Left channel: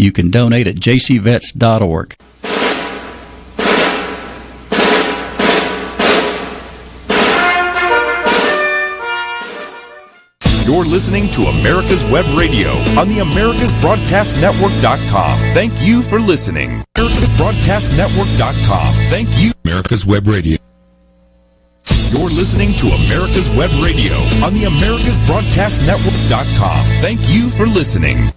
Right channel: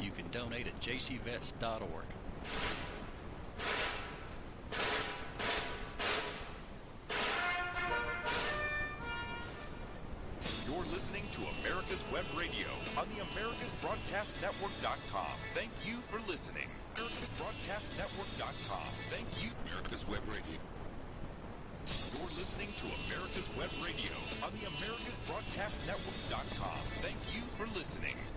You can donate at jcvets.org. You're listening to America's Web Radio on the AmericasBroadcastNetwork.com. Thank you for listening. AmericasBroadcastNetwork.com. Thank you. America's Web Radio. You're listening to America's Web Radio on the AmericasBroadcastNetwork.com. Thank you for listening.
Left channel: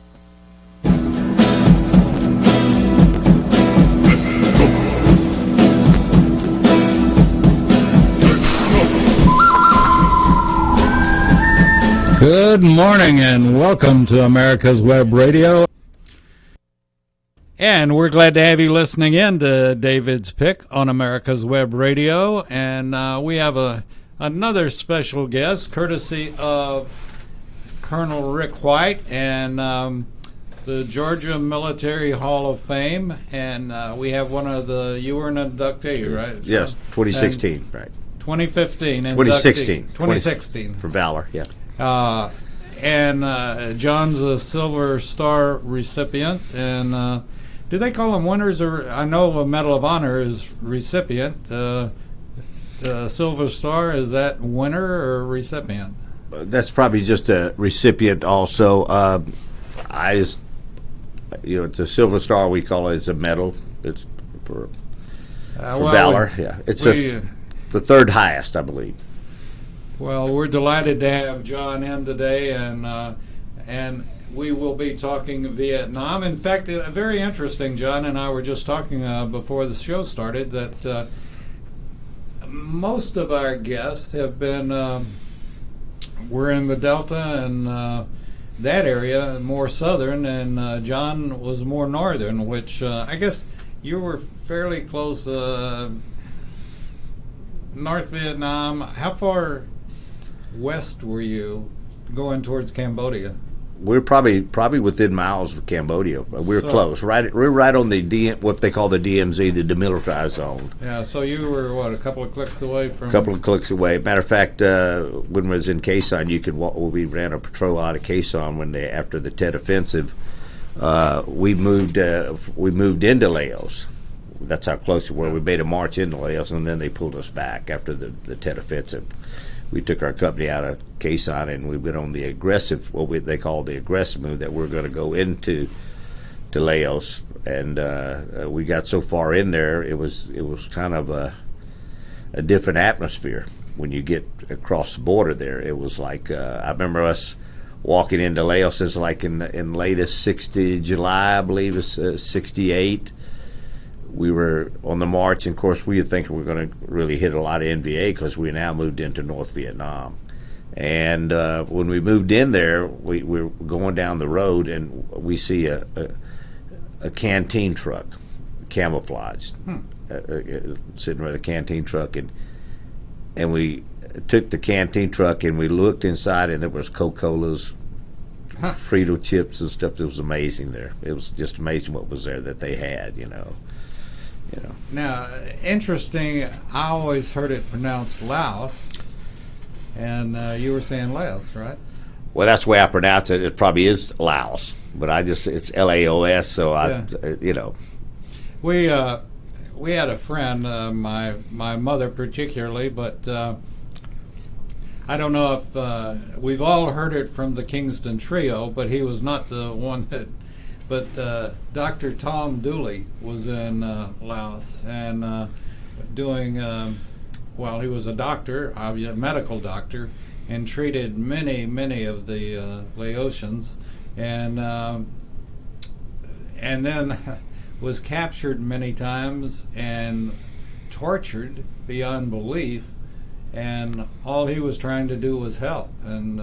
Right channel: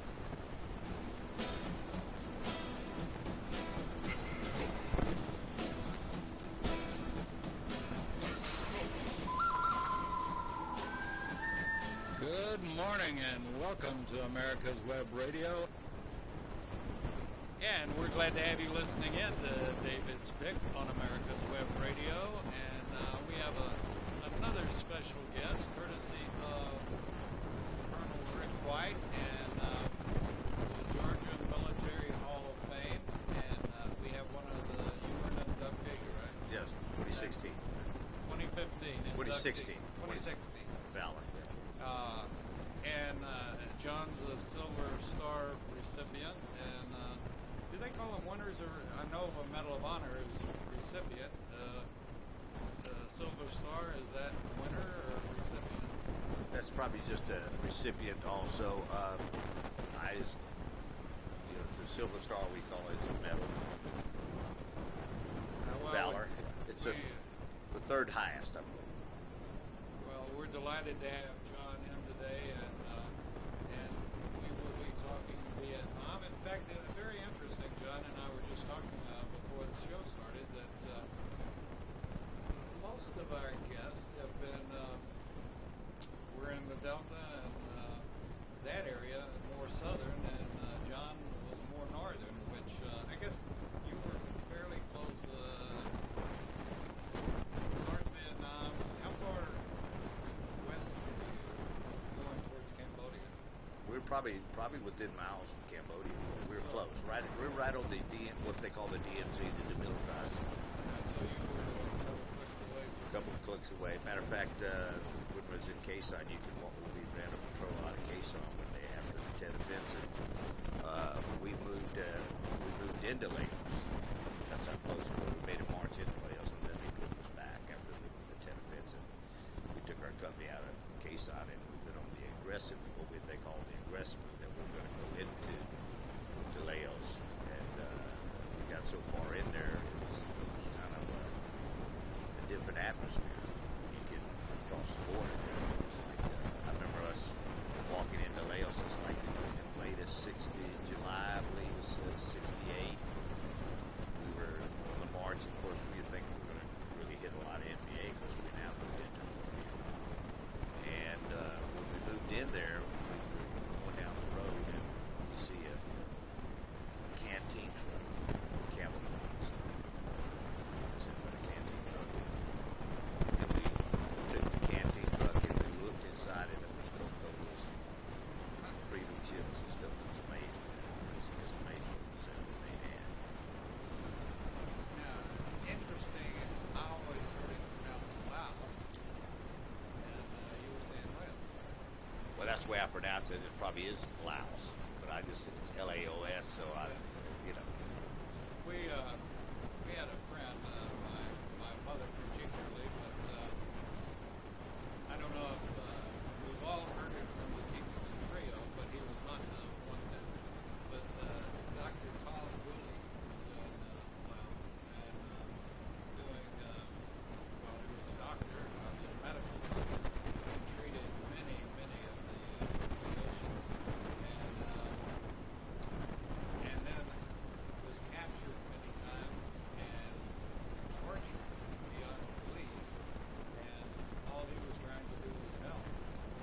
Good morning and welcome to America's Web Radio. And we're glad to have you listening in to David's Pick on America's Web Radio. And we have another special guest, courtesy of Colonel Rick White and the Georgia Military Hall of Fame. And we have you were an inductee, right? Yes, 2016, right. 2015. 2016. 2016. For Valor, yeah. And John's a Silver Star recipient. And do they call them winners? Or I know a Medal of Honor is recipient. Silver Star, is that winner or recipient? That's probably just a recipient also. It's a Silver Star, we call it. It's a medal. It's for Valor, yeah. It's the third highest, I believe. Well, we're delighted to have John in today, and we will be talking Vietnam. In fact, very interesting. John and I were just talking before the show started that most of our guests have been we're in the Delta and that area, more southern, and John was more northern, which I guess you were fairly close. North Vietnam. How far west were you going towards Cambodia? We're probably within miles of Cambodia. We're close. We're right on what they call the DMZ, the demilitarized zone. Yeah. So you were a couple of clicks away from. A couple of clicks away. Matter of fact, when we was in Khe Sanh, we ran a patrol out of Khe Sanh after the Tet Offensive. We moved into Laos. That's how close we were. We made a march into Laos, and then they pulled us back after the Tet Offensive. We took our company out of Khe Sanh, and we went on the aggressive, they call the aggressive move, that we're going to go into Laos. And we got so far in there, it was kind of a different atmosphere when you get across the border there. It was like I remember us walking into Laos. It's like in latest 60 July, I believe it's 68. We were on the march, and of course we were thinking we're going to really hit a lot of NVA because we now moved into North Vietnam. And when we moved in there, we were going down the road, and we see a canteen truck, camouflaged, sitting with a canteen truck, and we took the canteen truck and we looked inside, and there was Coca-Colas, Frito chips and stuff. It was amazing there. It was just amazing what was there that they had, Now, interesting, I always heard it pronounced Laos, and you were saying Laos, right? Well, that's the way I pronounce it. It probably is Laos, but it's Laos, so We had a friend, my mother particularly, but I don't know if we've all heard it from the Kingston Trio, but he was not the one that. But Dr. Tom Dooley was in Laos and doing, he was a doctor, a medical doctor, and treated many of the Laotians, and then was captured many times and tortured beyond belief, and all he was trying to do was help and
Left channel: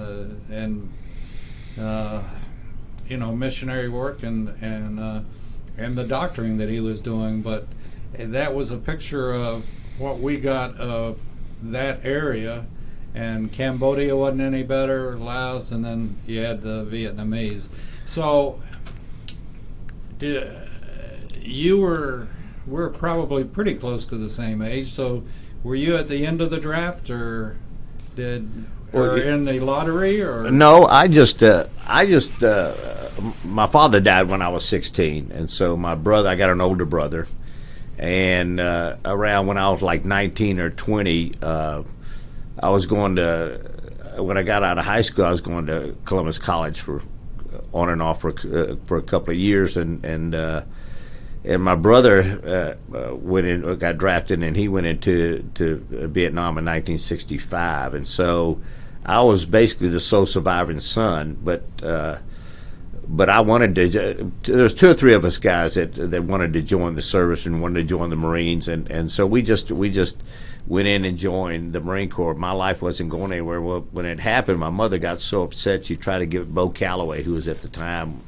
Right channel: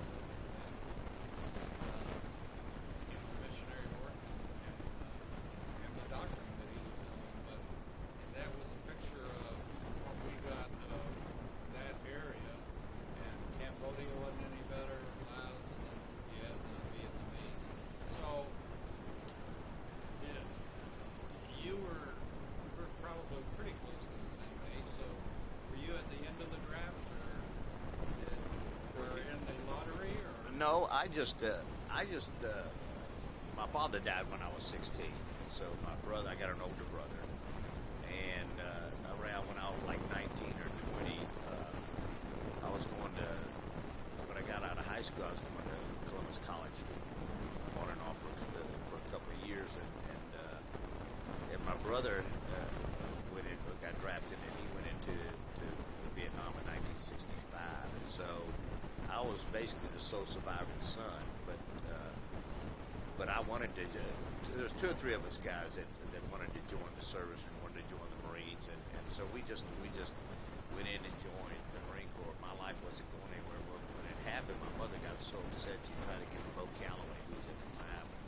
missionary work and the doctoring that he was doing. But that was a picture of what we got of that area, and Cambodia wasn't any better, Laos, and then you had the Vietnamese. So we're probably pretty close to the same age, so were you at the end of the draft, or in the lottery, or? No, I just my father died when I was 16, and so my brother, I got an older brother, and around when I was like 19 or 20, I was going to, when I got out of high school, I was going to Columbus College for on and off for a couple of years, and my brother went in, got drafted, and he went into Vietnam in 1965, and so I was basically the sole surviving son, but I wanted to. There's 2 or 3 of us guys that wanted to join the service and wanted to join the Marines, and so we just went in and joined the Marine Corps. My life wasn't going anywhere. Well, when it happened, my mother got so upset she tried to give Bo Calloway, who was at the time,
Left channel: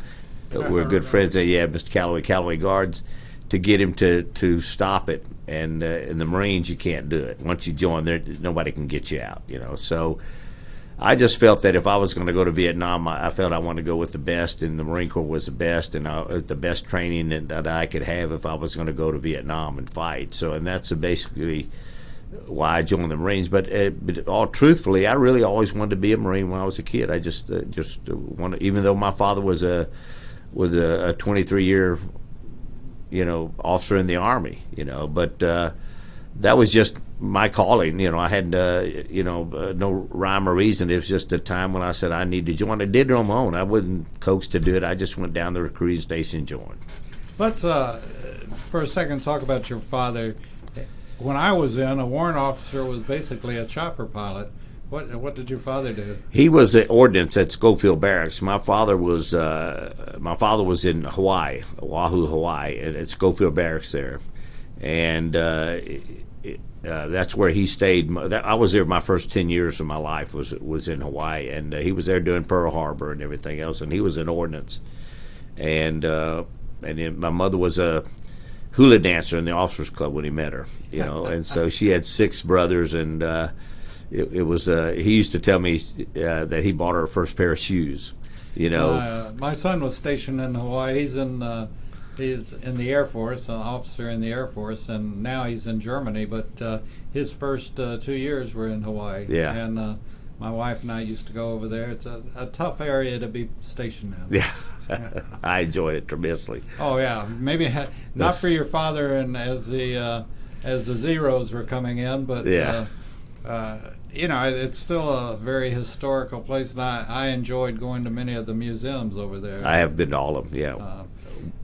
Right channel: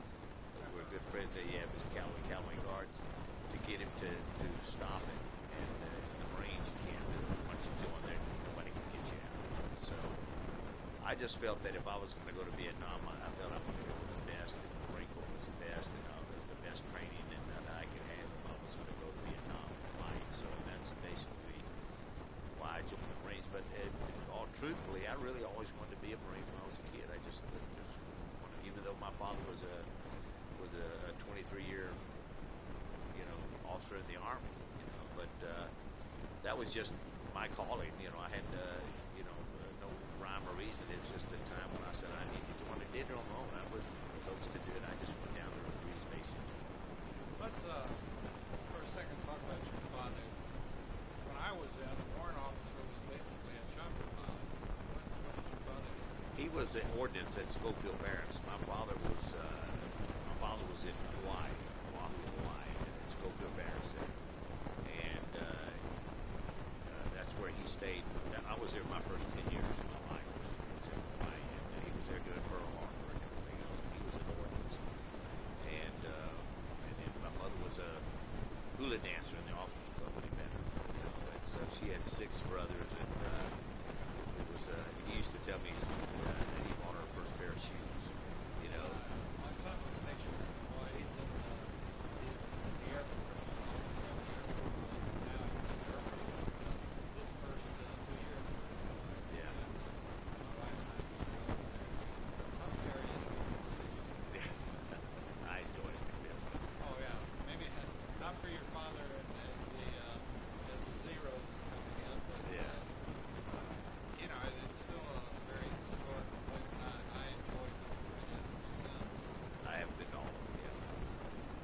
we were good friends. Mr. Calloway Guards, to get him to stop it. And in the Marines, you can't do it. Once you join, there nobody can get you out. So. I just felt that if I was going to go to Vietnam, I felt I wanted to go with the best, and the Marine Corps was the best, and the best training that I could have if I was going to go to Vietnam and fight. So, and that's basically why I joined the Marines. But all truthfully, I really always wanted to be a Marine when I was a kid. I just wanted, even though my father was a 23-year, officer in the Army, but that was just my calling. I had no rhyme or reason. It was just a time when I said I need to join. I did it on my own. I wasn't coaxed to do it. I just went down to the recruiting station and joined. Let's for a second talk about your father. When I was in, a warrant officer was basically a chopper pilot. What did your father do? He was at ordnance at Schofield Barracks. My father was in Hawaii, Oahu, Hawaii, at Schofield Barracks there, and that's where he stayed. I was there my first 10 years of my life was in Hawaii, and he was there doing Pearl Harbor and everything else, and he was in ordnance. And then my mother was a hula dancer in the officers club when he met her, and so she had 6 brothers, and it was he used to tell me that he bought her first pair of shoes. My son was stationed in Hawaii. He's in the Air Force, an officer in the Air Force, and now he's in Germany. But his first 2 years were in Hawaii. Yeah. And my wife and I used to go over there. It's a tough area to be stationed in. Yeah. I enjoyed it tremendously. Oh yeah, maybe not for your father, and as the Zeros were coming in, but yeah. It's still a very historical place, and I enjoyed going to many of the museums over there. I have been to all of them. Yeah.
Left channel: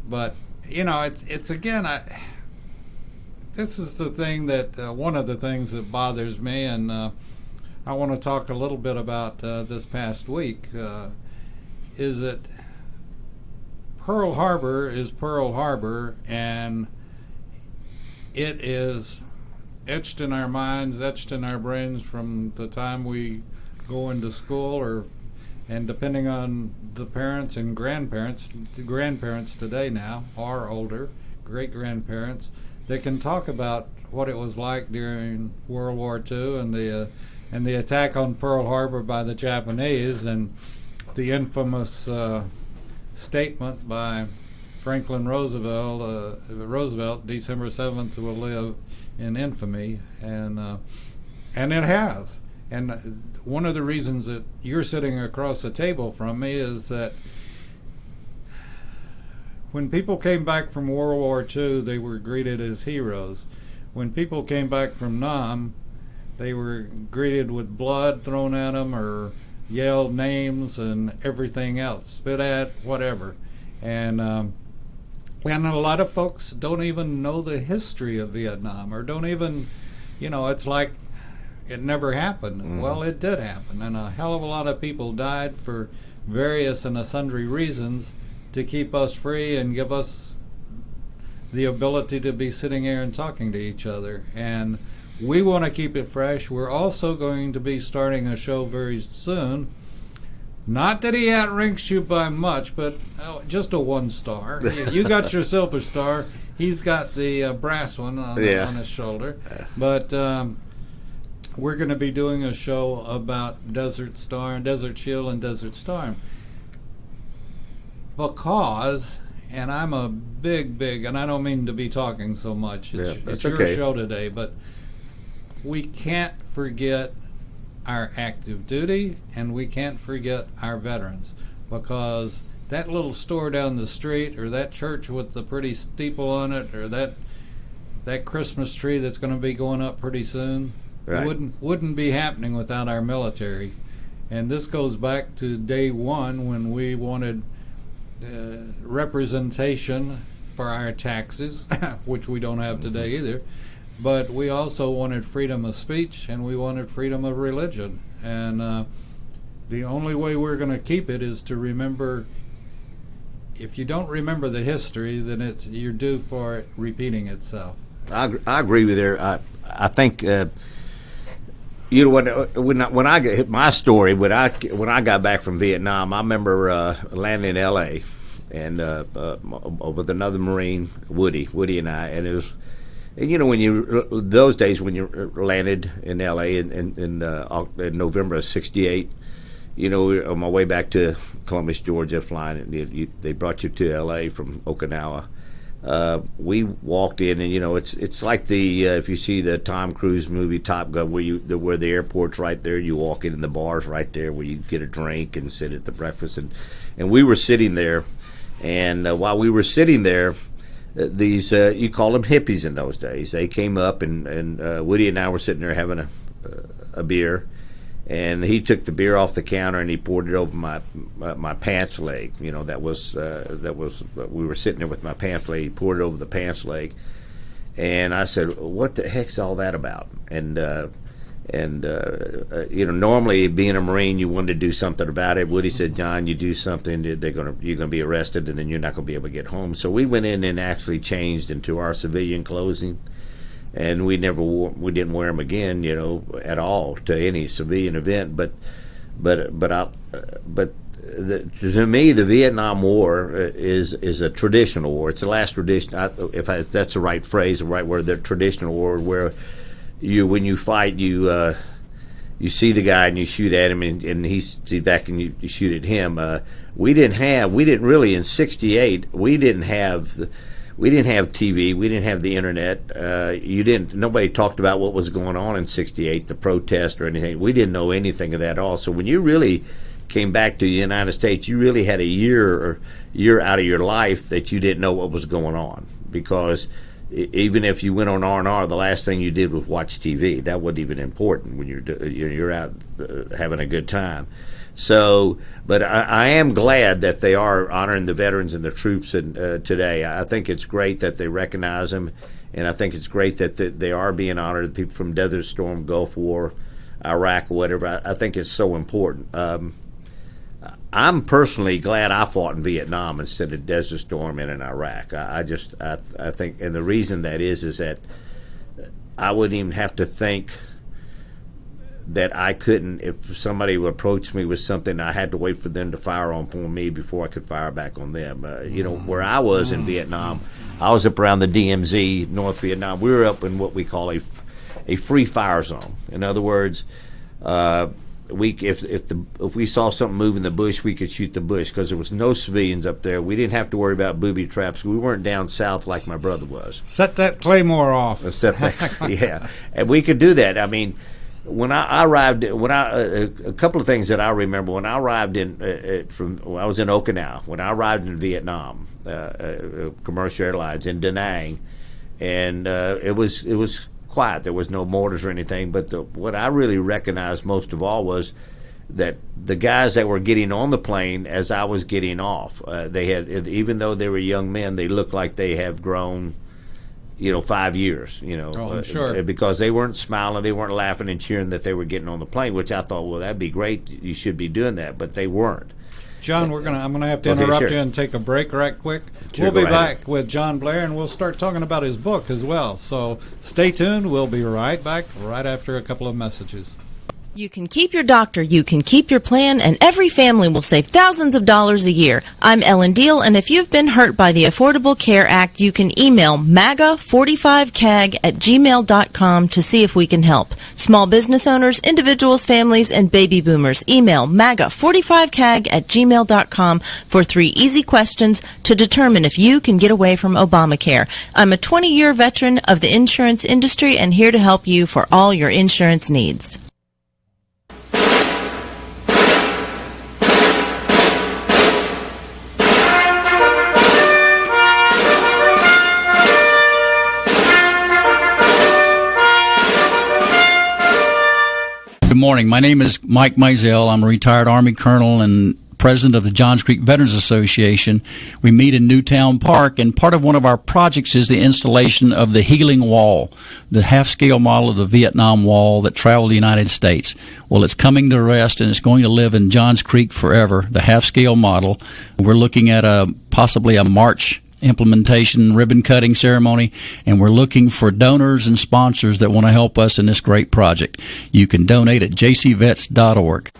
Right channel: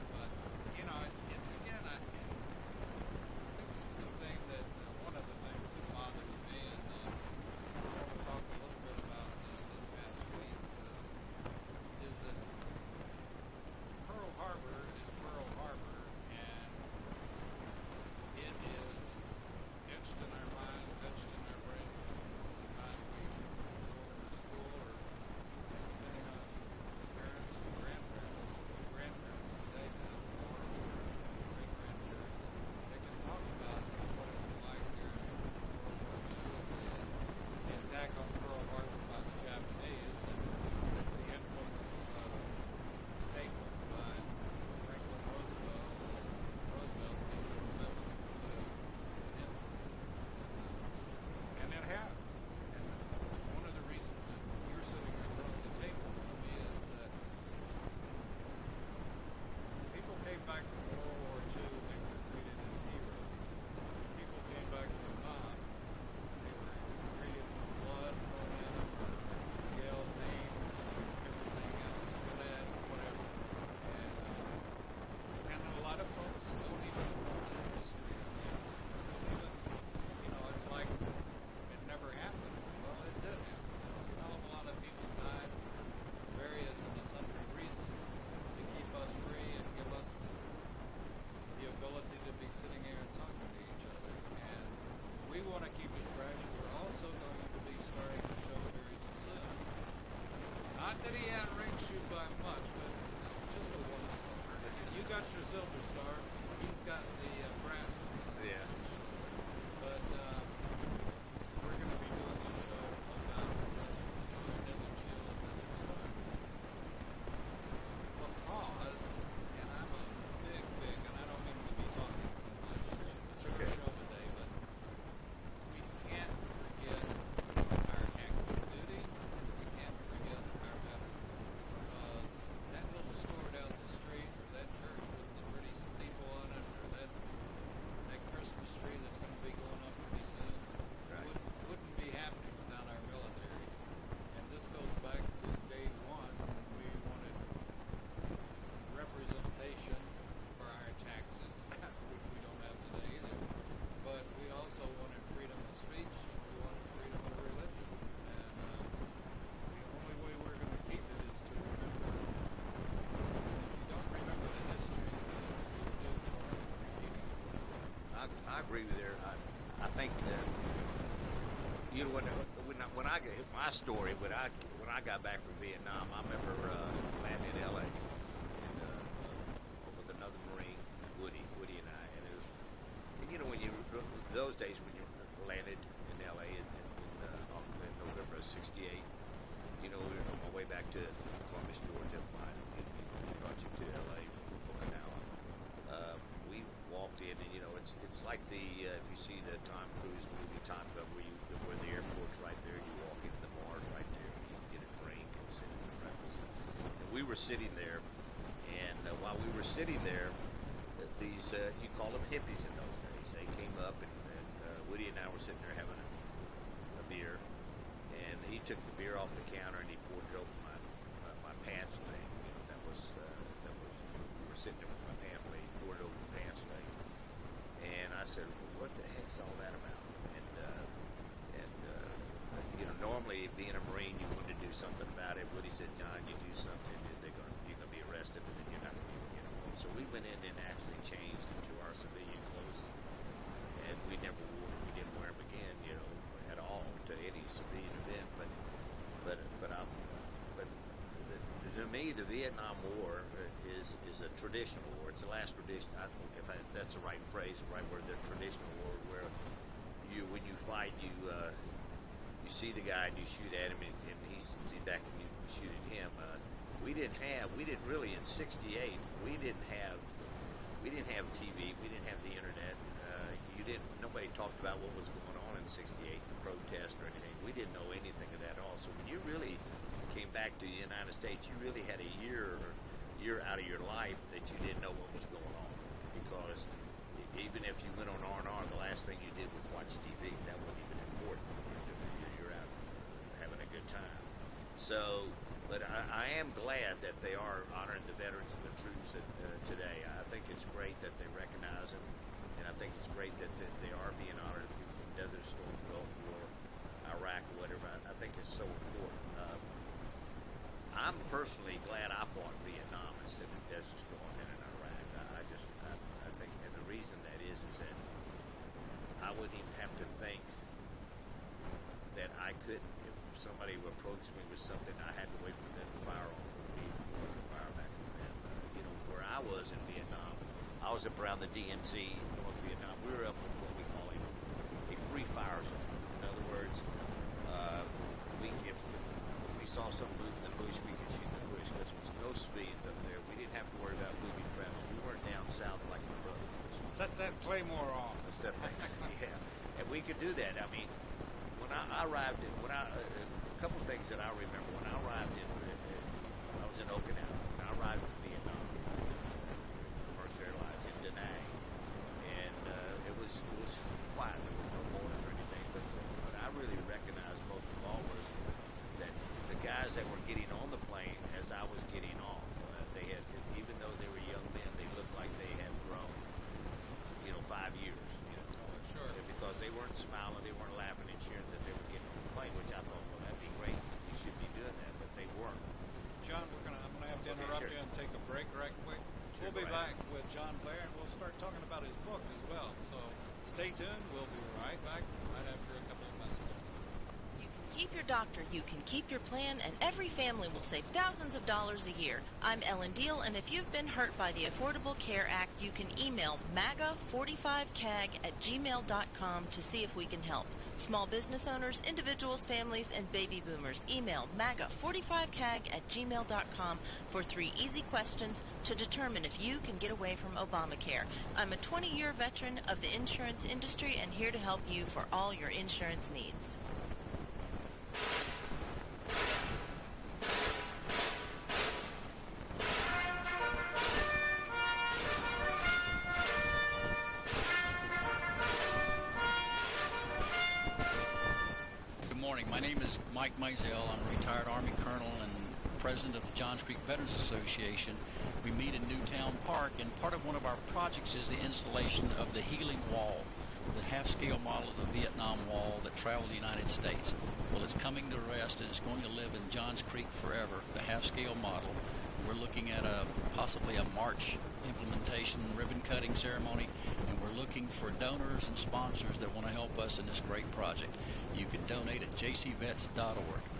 But it's again, this is the thing that one of the things that bothers me, and I want to talk a little bit about this past week. Is that Pearl Harbor is Pearl Harbor, and it is etched in our minds, etched in our brains from the time we go into school, and depending on the parents and grandparents, the grandparents today now are older, great-grandparents, they can talk about what it was like during World War II and the attack on Pearl Harbor by the Japanese, and the infamous statement by Franklin Roosevelt, December 7th will live in infamy, and it has. And one of the reasons that you're sitting across the table from me is that when people came back from World War II, they were greeted as heroes. When people came back from Nam, they were greeted with blood thrown at them, or yelled names and everything else, spit at, whatever. And a lot of folks don't even know the history of Vietnam, or don't even, it's like it never happened. Mm-hmm. Well, it did happen, and a hell of a lot of people died for various and sundry reasons to keep us free and give us the ability to be sitting here and talking to each other. And we want to keep it fresh. We're also going to be starting a show very soon. Not that he outranks you by much, but just a 1 star. You got your silver star. He's got the brass one on his shoulder. But we're going to be doing a show about Desert Storm, Desert Shield, and Desert Storm. Because, and I'm a big, and I don't mean to be talking so much. It's your show today, but we can't forget our active duty, and we can't forget our veterans, because that little store down the street, or that church with the pretty steeple on it, or that Christmas tree that's going to be going up pretty soon, Right. wouldn't be happening without our military. And this goes back to day one when we wanted representation for our taxes, which we don't have today either. But we also wanted freedom of speech, and we wanted freedom of religion. And the only way we're going to keep it is to remember. If you don't remember the history, then you're due for it repeating itself. I agree with her. I think you know when I got my story when I got back from Vietnam, I remember landing in L.A. and with another Marine, Woody and I, and it was, you know, when you those days when you landed in L.A. in November of '68. You know, on my way back to Columbus, Georgia, flying, they brought you to L.A. from Okinawa. We walked in, and you know, it's like the if you see the Tom Cruise movie Top Gun, where the airport's right there, you walk in, and the bar's right there where you get a drink and sit at the breakfast, and we were sitting there, and while we were sitting there, these you call them hippies in those days. They came up, and Woody and I were sitting there having a beer. And he took the beer off the counter and he poured it over my pants leg. You know, that was we were sitting there with my pants leg. He poured it over the pants leg, and I said, "What the heck's all that about?" And you know, normally being a Marine, you wanted to do something about it. Woody said, "John, you do something, you're gonna be arrested, and then you're not gonna be able to get home." So we went in and actually changed into our civilian clothing. And we didn't wear them again, you know, at all to any civilian event. But to me, the Vietnam War is a traditional war. It's the last tradition, if that's the right phrase, the right word, the traditional war, where when you fight, you see the guy and you shoot at him, and he sees back and you shoot at him. We didn't really in '68. We didn't have TV. We didn't have the internet. Nobody talked about what was going on in '68, the protest or anything. We didn't know anything of that at all. So when you really came back to the United States, you really had a year out of your life that you didn't know what was going on, because even if you went on R&R, the last thing you did was watch TV. That wasn't even important when you're out having a good time. So, but I am glad that they are honoring the veterans and the troops today. I think it's great that they recognize them, and I think it's great that they are being honored. People from Desert Storm, Gulf War, Iraq, or whatever. I think it's so important. I'm personally glad I fought in Vietnam instead of Desert Storm and in Iraq. I think, and the reason that is that I wouldn't even have to think that I couldn't, if somebody would approach me with something, I had to wait for them to fire on me before I could fire back on them. You know, where I was in Vietnam, I was up around the DMZ, North Vietnam. We were up in what we call a free fire zone. In other words, if we saw something move in the bush, we could shoot the bush because there was no civilians up there. We didn't have to worry about booby traps. We weren't down south like my brother was. Set that claymore off. Yeah, and we could do that. I mean, when I arrived, a couple of things that I remember when I arrived I was in Okinawa. When I arrived in Vietnam, commercial airlines in Da Nang, and it was quiet. There was no mortars or anything. But what I really recognized most of all was that the guys that were getting on the plane as I was getting off, they had, even though they were young men, they looked like they have grown, 5 years, I'm sure. Because they weren't smiling, they weren't laughing and cheering that they were getting on the plane, which I thought, well, that'd be great. You should be doing that, but they weren't. John, I'm gonna have to interrupt you and take a break right quick. Sure, we'll be back with John Blair, and we'll start talking about his book as well. So stay tuned. We'll be right back right after a couple of messages. You can keep your doctor, you can keep your plan, and every family will save thousands of dollars a year. I'm Ellen Deal, and if you've been hurt by the Affordable Care Act, you can email MAGA45CAG@gmail.com to see if we can help. Small business owners, individuals, families, and baby boomers, email MAGA45CAG@gmail.com for 3 easy questions to determine if you can get away from Obamacare. I'm a 20-year veteran of the insurance industry and here to help you for all your insurance needs. morning. My name is Mike Mizell. I'm a retired Army colonel and president of the Johns Creek Veterans Association. We meet in Newtown Park, and part of one of our projects is the installation of the Healing Wall, the half-scale model of the Vietnam Wall that traveled the United States. Well, it's coming to rest, and it's going to live in Johns Creek forever, the half-scale model. We're looking at possibly a March implementation ribbon cutting ceremony, and we're looking for donors and sponsors that want to help us in this great project. You can donate at jcvets.org.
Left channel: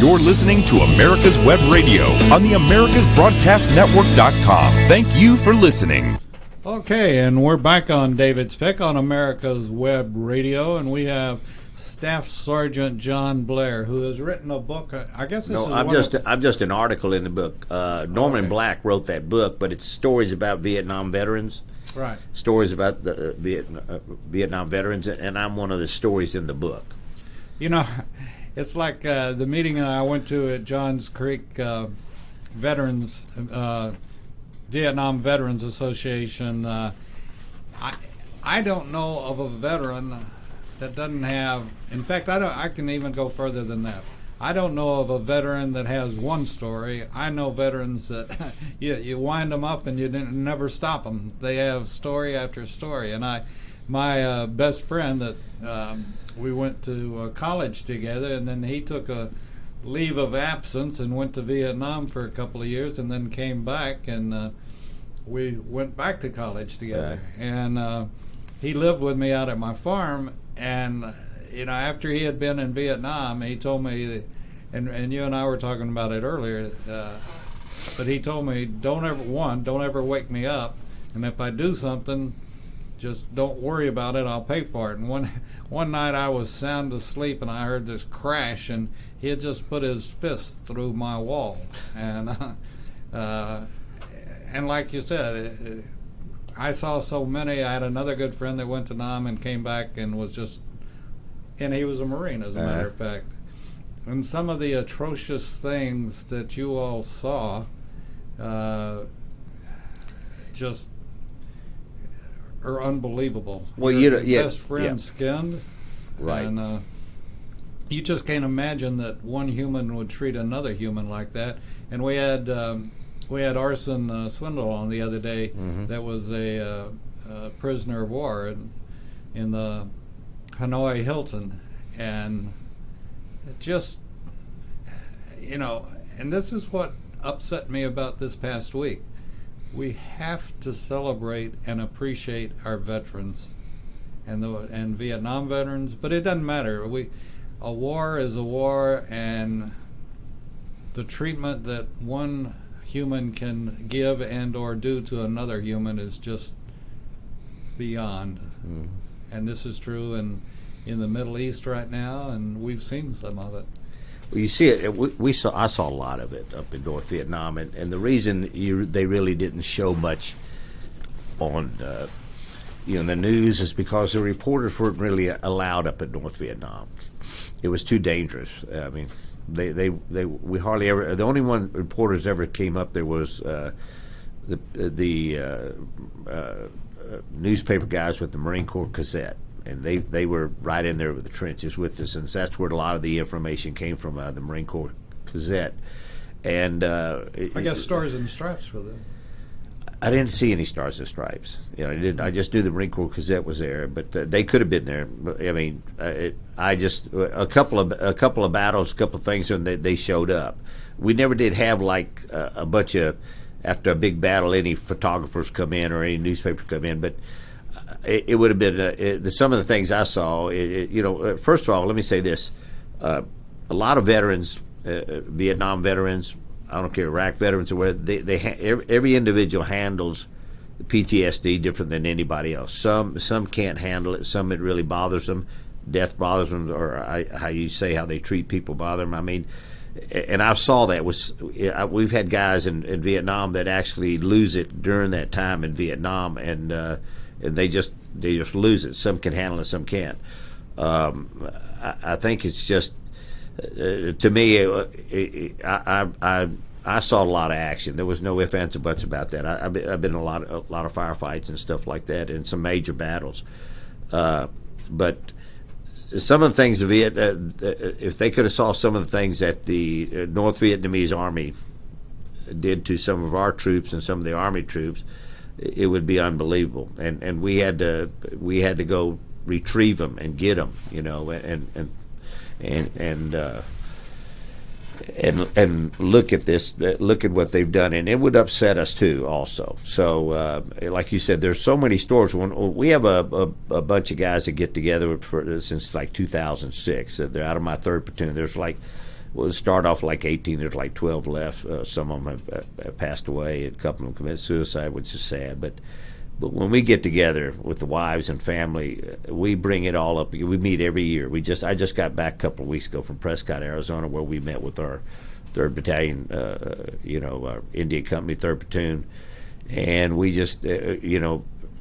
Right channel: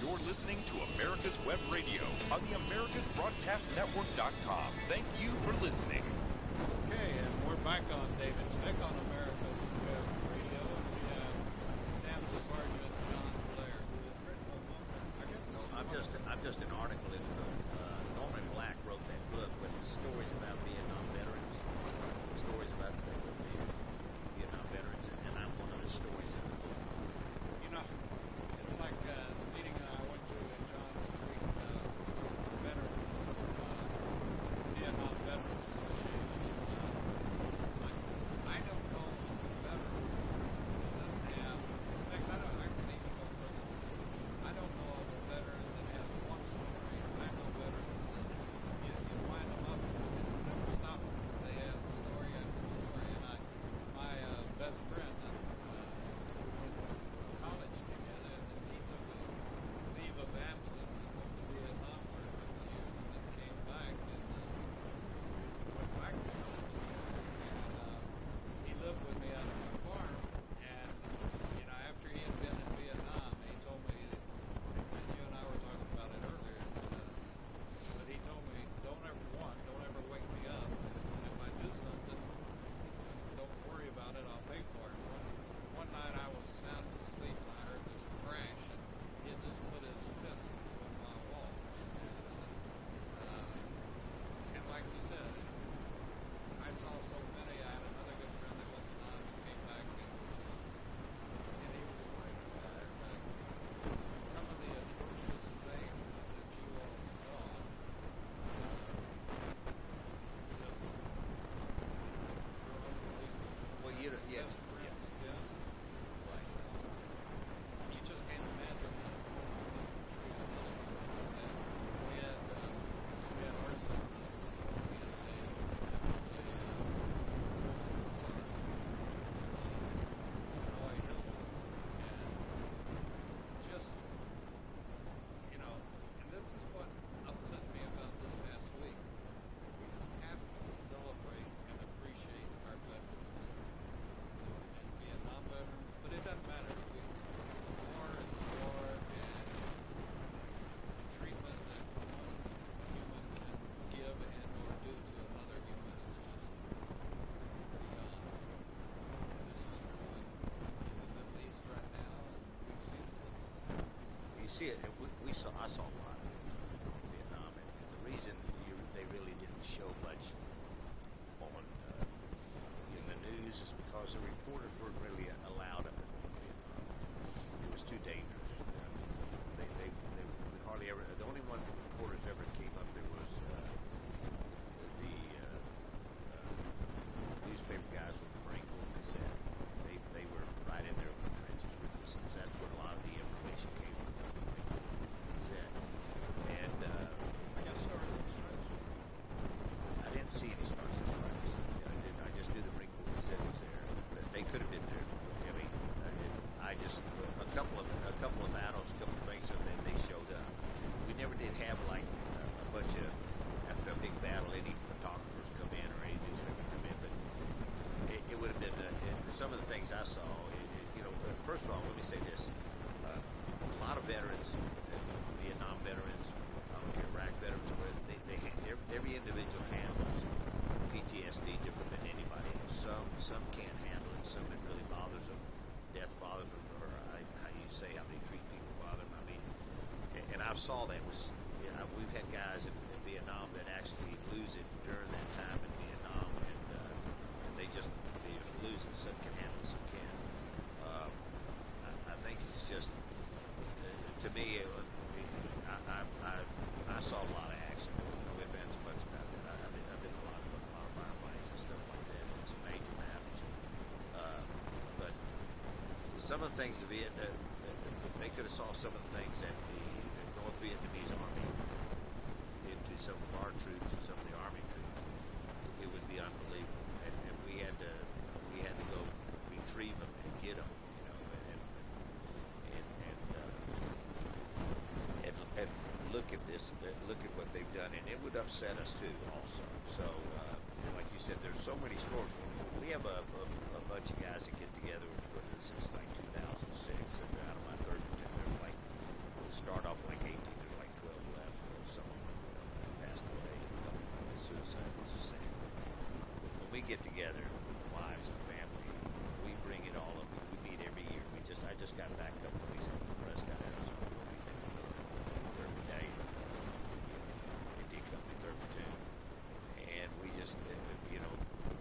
You're listening to America's Web Radio on the AmericasBroadcastNetwork.com. Thank you for listening. Okay, and we're back on David's Pick on America's Web Radio, and we have Staff Sergeant John Blair, who has written a book. I guess this No, is I'm just an article in the book. Norman Black wrote that book, but it's stories about Vietnam veterans. right. Stories about the Vietnam veterans, and I'm one of the stories in the book. You know, it's like the meeting I went to at Johns Creek Veterans Vietnam Veterans Association. I don't know of a veteran that doesn't have. In fact, I can even go further than that. I don't know of a veteran that has one story. I know veterans that you wind them up and you never stop them. They have story after story. And my best friend that we went to college together, and then he took a leave of absence and went to Vietnam for a couple of years, and then came back, and we went back to college together. Right. And he lived with me out at my farm, and you know, after he had been in Vietnam, he told me that, and you and I were talking about it earlier, but he told me, don't ever wake me up, and if I do something, just don't worry about it, I'll pay for it. And one night I was sound asleep, and I heard this crash, and he had just put his fist through my wall. And and like you said, I saw so many. I had another good friend that went to Nam and came back and was just, and he was a Marine, as a matter of fact. And some of the atrocious things that you all saw, just are unbelievable. Well, Your you best friend skinned, Right. And you just can't imagine that one human would treat another human like that. And we had Arson Swindle on the other day. Mm-hmm. That was a prisoner of war in the Hanoi Hilton, and just, you know, and this is what upset me about this past week. We have to celebrate and appreciate our veterans and Vietnam veterans, but it doesn't matter. A war is a war, and the treatment that one human can give and or do to another human is just beyond. And this is true in the Middle East right now, and we've seen some of it. Well, you see it. I saw a lot of it up in North Vietnam, and the reason they really didn't show much on the news is because the reporters weren't really allowed up in North Vietnam. It was too dangerous. I mean, we hardly ever. The only one reporters ever came up there was the newspaper guys with the Marine Corps Gazette. And they were right in there with the trenches with us, and that's where a lot of the information came from, the Marine Corps Gazette. And I guess Stars and Stripes were there. I didn't see any Stars and Stripes. You know, I didn't. I just knew the Marine Corps Gazette was there, but they could have been there. But, I mean, I just a couple of battles, a couple of things, and they showed up. We never did have like a bunch of, after a big battle, any photographers come in or any newspaper come in, but. It would have been some of the things I saw. First of all, let me say this: a lot of veterans, Vietnam veterans, I don't care, Iraq veterans, or whatever, every individual handles PTSD different than anybody else. Some can't handle it. Some it really bothers them. Death bothers them, or how you say how they treat people bother them. I mean, and I saw that we've had guys in Vietnam that actually lose it during that time in Vietnam, and they just lose it. Some can handle it, some can't. I think it's just to me. I saw a lot of action. There was no ifs, ands, or buts about that. I've been in a lot of firefights and stuff like that, and some major battles. But some of the things if they could have saw some of the things that the North Vietnamese Army did to some of our troops and some of the Army troops, it would be unbelievable. And we had to go retrieve them and get them, and look at this, look at what they've done, and it would upset us too, also. So, like you said, there's so many stories. We have a bunch of guys that get together since like 2006. They're out of my 3rd platoon. There's we'll start off like 18. There's like 12 left. Some of them have passed away. A couple of them committed suicide, which is sad. But when we get together with the wives and family, we bring it all up. We meet every year. I just got back a couple of weeks ago from Prescott, Arizona, where we met with our 3rd Battalion, our Indian Company 3rd Platoon, and we just,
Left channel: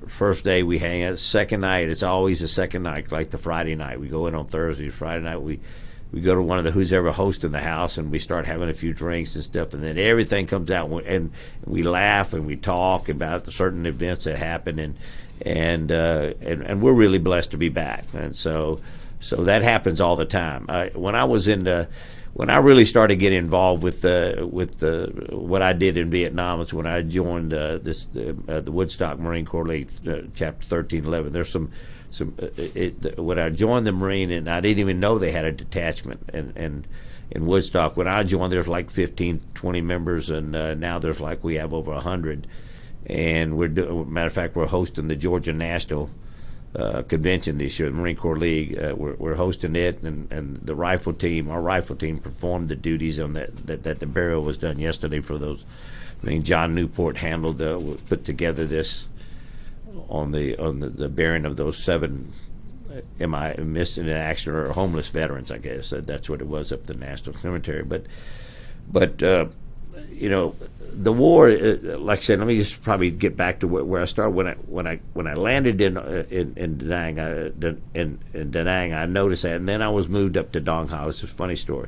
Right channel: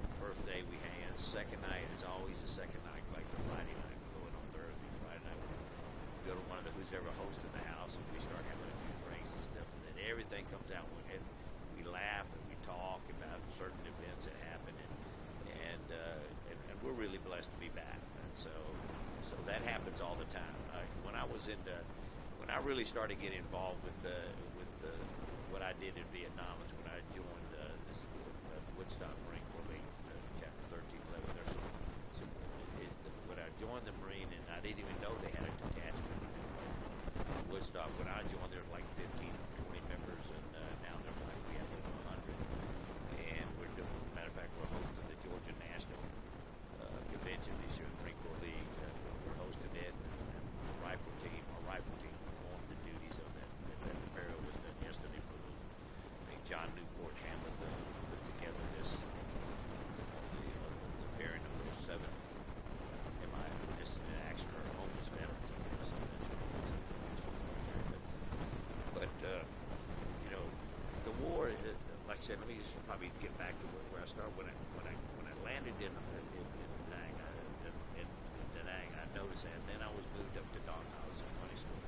first day we hang out. Second night, it's always the second night, like the Friday night. We go in on Thursday. Friday night, we go to one of the who's ever hosting the house, and we start having a few drinks and stuff, and then everything comes out, and we laugh and we talk about the certain events that happen, and we're really blessed to be back, and so that happens all the time. When I really started getting involved with what I did in Vietnam was when I joined the Woodstock Marine Corps League, Chapter 1311. There's some when I joined the Marine, and I didn't even know they had a detachment, and in Woodstock, when I joined, there's like 15, 20 members, and now there's we have over 100, and matter of fact, we're hosting the Georgia National Convention this year, the Marine Corps League. We're hosting it, and the rifle team, our rifle team, performed the duties on that the burial was done yesterday for those. John Newport put together this on the bearing of those 7 missing in action or homeless veterans, I guess. That's what it was up at the National Cemetery. But the war, like I said, let me just probably get back to where I started. When I landed in Da Nang, I noticed that, and then I was moved up to Dong Ha. This is a funny story.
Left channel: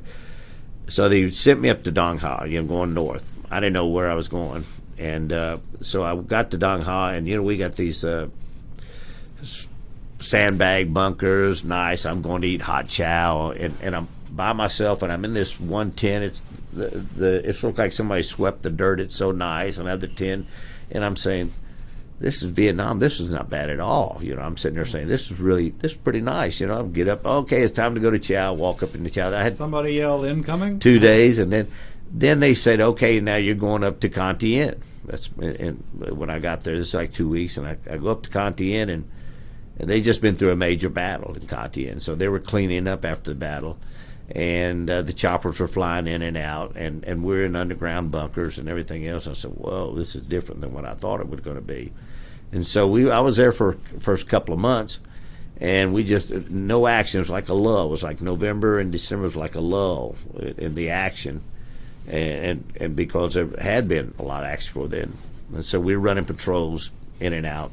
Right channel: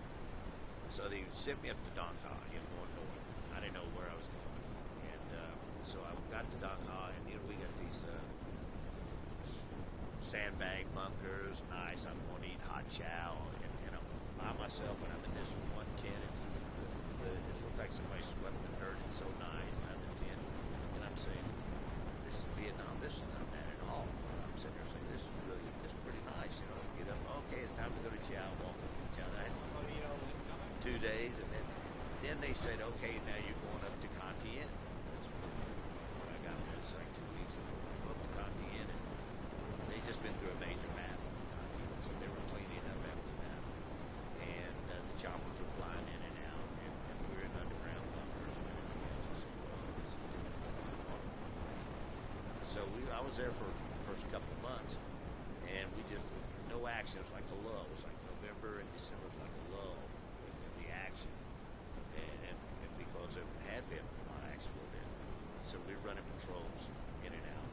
So they sent me up to Dong Ha, going north. I didn't know where I was going. And so I got to Dong Ha, and we got these sandbag bunkers. Nice. I'm going to eat hot chow, and I'm by myself, and I'm in this one tent. It looks like somebody swept the dirt. It's so nice. Another tent, and I'm saying, this is Vietnam. This is not bad at all. I'm sitting there saying, this is pretty nice. I get up. Okay, it's time to go to chow. Walk up into chow. I had somebody yelled incoming. 2 days, and then they said, okay, now you're going up to Con Tien. And when I got there, this is like 2 weeks, and I go up to Con Tien, and they just been through a major battle in Con Tien. So they were cleaning up after the battle, and the choppers were flying in and out, and we're in underground bunkers and everything else. I said, whoa, this is different than what I thought it was going to be. And so I was there for the first couple of months, and we just, no action. It was like a lull. It was like November and December was like a lull in the action. And because there had been a lot of action before then, and so we were running patrols in and out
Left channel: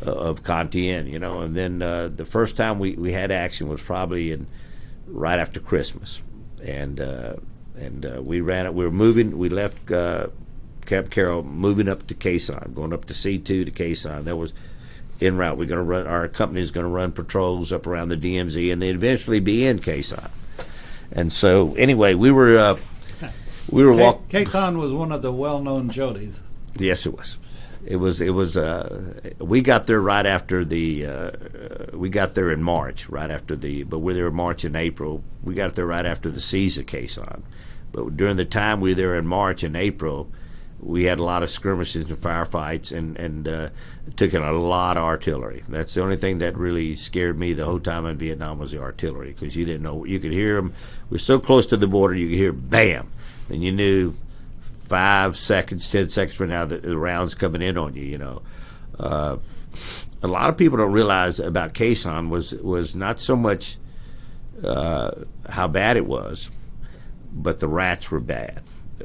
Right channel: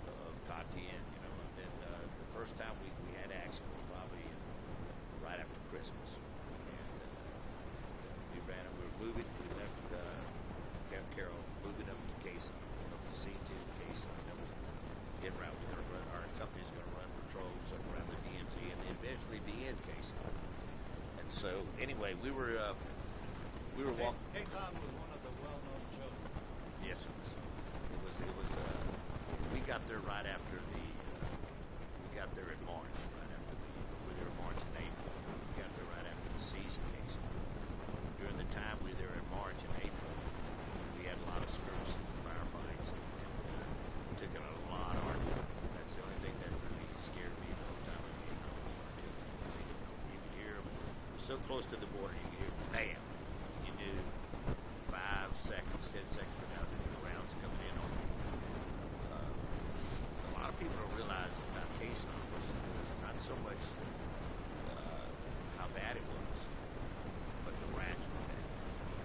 of Con Tien, and then the first time we had action was probably right after Christmas, and we ran it. We were moving. We left Camp Carroll, moving up to Khe Sanh, going up to C2 to Khe Sanh. That was en route. We're going to run. Our company is going to run patrols up around the DMZ, and then eventually be in Khe Sanh. And so anyway, we were walking. Khe Sanh was one of the well-known Jodis. Yes, it was. It was. We got there right after the. We got there in March, right after the. But we were there in March and April. We got there right after the siege of Khe Sanh. But during the time we were there in March and April, we had a lot of skirmishes and firefights, and took in a lot of artillery. That's the only thing that really scared me the whole time in Vietnam was the artillery, because you didn't know. You could hear them. We were so close to the border, you could hear bam, and you knew 5 seconds, 10 seconds from now that the round's coming in on you. A lot of people don't realize about Khe Sanh was not so much how bad it was, but the rats were bad.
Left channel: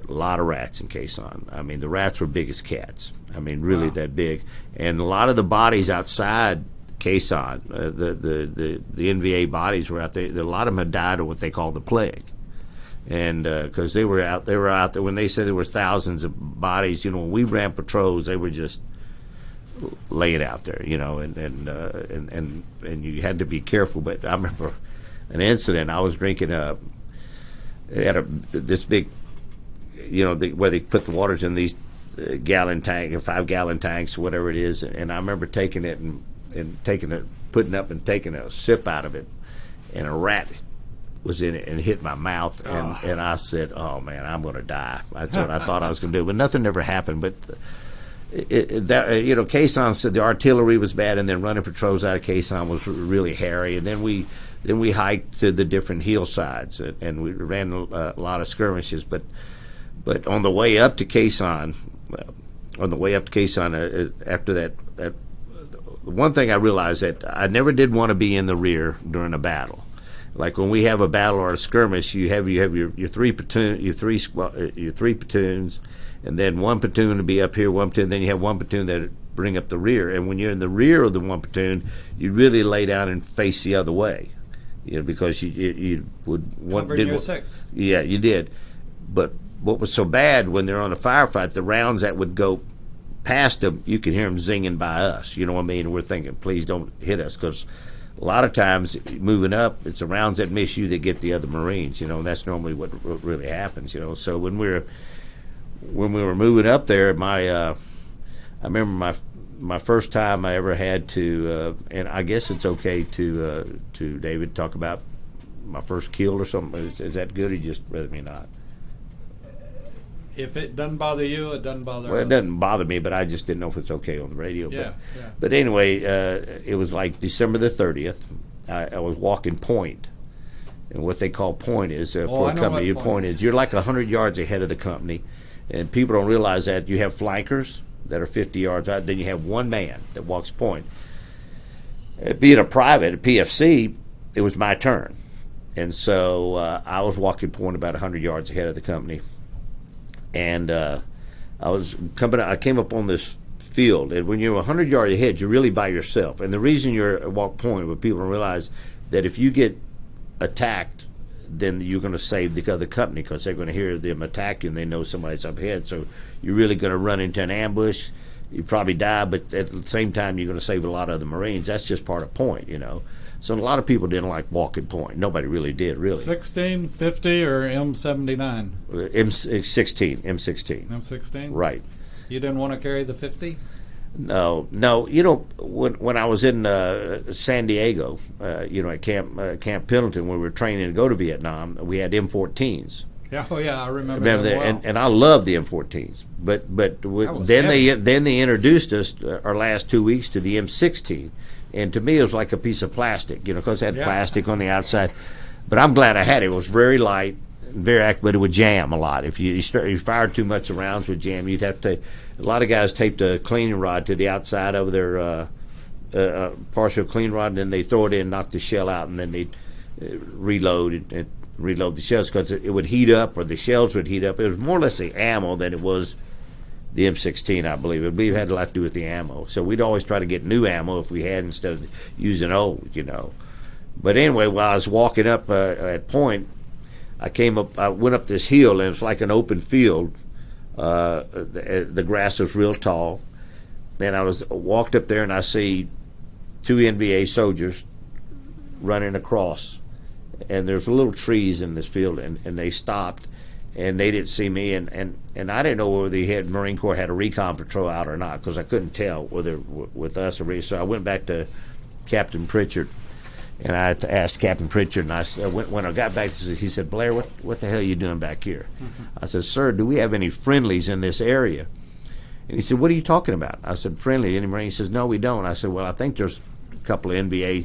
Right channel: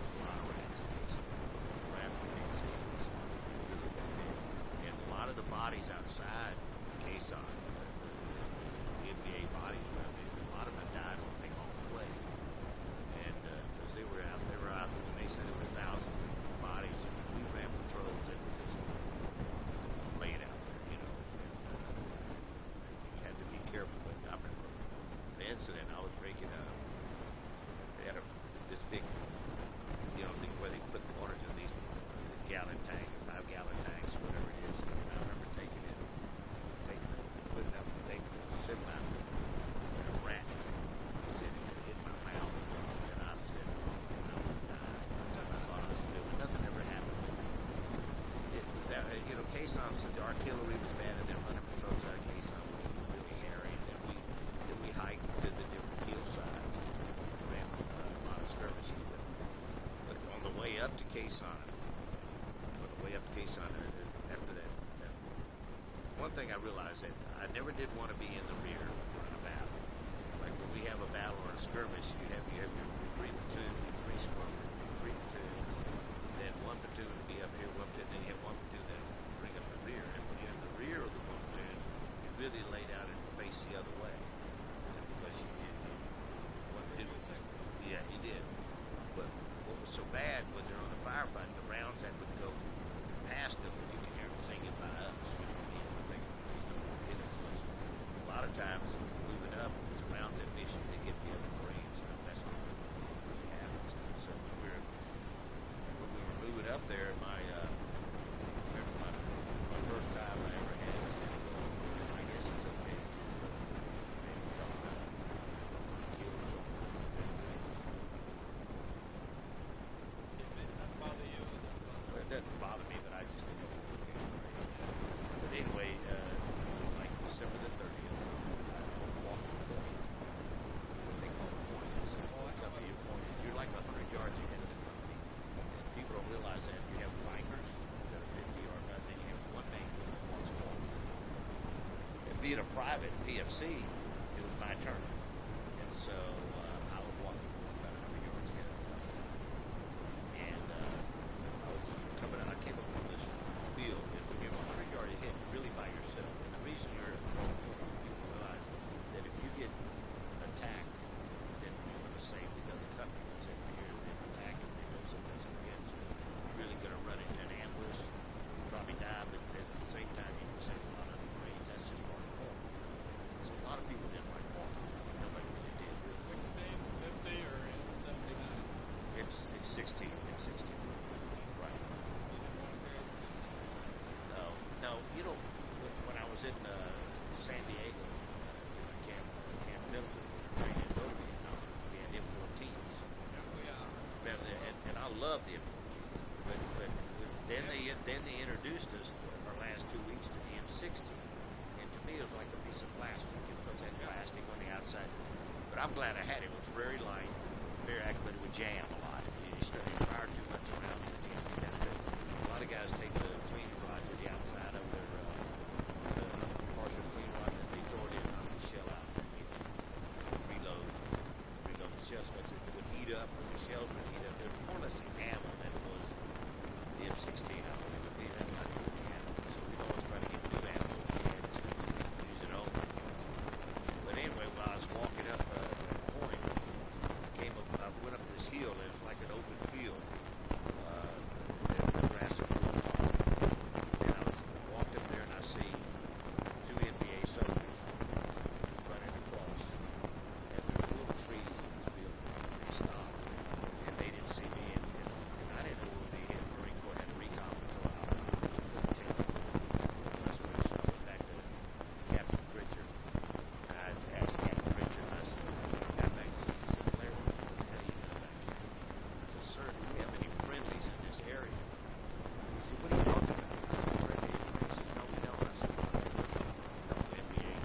A lot of rats in Khe Sanh. I mean, the rats were big as cats. I mean, really that big. And a lot of the bodies outside Khe Sanh. The NVA bodies were out there. A lot of them had died of what they call the plague, and because they were out there when they said there were thousands of bodies. When we ran patrols, they were just laying out there. And you had to be careful. But I remember an incident. I was drinking they had this big, where they put the waters in these gallon tank or 5-gallon tanks, whatever it is. And I remember taking it and putting up and taking a sip out of it, and a rat was in it and hit my mouth, and I said, "Oh man, I'm going to die." That's what I thought I was going to do, but nothing ever happened. But Khe Sanh said the artillery was bad, and then running patrols out of Khe Sanh was really hairy, and then we hiked to the different hillsides, and we ran a lot of skirmishes. But on the way up to Khe Sanh, after that, one thing I realized that I never did want to be in the rear during a battle. Like when we have a battle or a skirmish, you have your three platoons, and then one platoon to be up here, one platoon, then you have one platoon that bring up the rear. And when you're in the rear of the one platoon, you really lay down and face the other way, because you would want Covered your six. Yeah, you did. But what was so bad when they're on a firefight, the rounds that would go past them, you could hear them zinging by us. You know what I mean? We're thinking, please don't hit us, because a lot of times moving up, it's the rounds that miss you that get the other Marines. That's normally what really happens. So when we were moving up there, I remember my first time I ever had to, and I guess it's okay to David talk about my first kill or something. Is that good, or just rather me not? If it doesn't bother you, it doesn't bother us. It doesn't bother me, but I just didn't know if it's okay on the radio. Yeah. But anyway, it was like December the 30th. I was walking point. And what they call point is, for a company, your point is you're like 100 yards ahead of the company. And people don't realize that you have flankers that are 50 yards out. Then you have one man that walks point. Being a private, a PFC, it was my turn. And so I was walking point about 100 yards ahead of the company. And I came up on this field, and when you're 100 yards ahead, you're really by yourself. And the reason you're at walk point, what people don't realize, that if you get attacked, then you're going to save the other company, because they're going to hear them attack you, and they know somebody's up ahead. So you're really going to run into an ambush. You probably die, but at the same time, you're going to save a lot of the Marines. That's just part of point, So a lot of people didn't like walking point. Nobody really did, really. 16, 50, or M79? M16. M16? Right. You didn't want to carry the 50? No. When I was in San Diego, at Camp Pendleton, when we were training to go to Vietnam, we had M14s. Yeah, I remember that well. And I love the M14s. But then they introduced us our last 2 weeks to the M16. And to me, it was like a piece of plastic, because it had plastic on the outside. But I'm glad I had it. It was very light, very accurate, but it would jam a lot. If you fired too much rounds would jam. You'd have to. A lot of guys taped a cleaning rod to the outside of their partial clean rod, and then they throw it in, knock the shell out, and then they reload the shells, because it would heat up, or the shells would heat up. It was more or less the ammo than it was the M16, I believe. It had a lot to do with the ammo. So we'd always try to get new ammo if we had, instead of using old, But anyway, while I was walking up at point, I went up this hill, and it was like an open field. The grass was real tall. Then I walked up there, and I see 2 NVA soldiers running across. And there's little trees in this field, and they stopped. And they didn't see me, and I didn't know whether the Marine Corps had a recon patrol out or not, because I couldn't tell whether with us or so I went back to Captain Pritchard, and I asked Captain Pritchard, and when I got back, he said, "Blair, what the hell are you doing back here?" I said, "Sir, do we have any friendlies in this area?" And he said, "What are you talking about?" I said, "Friendly, any Marine?" He says, "No, we don't." I said, "Well, I think there's a couple of NBA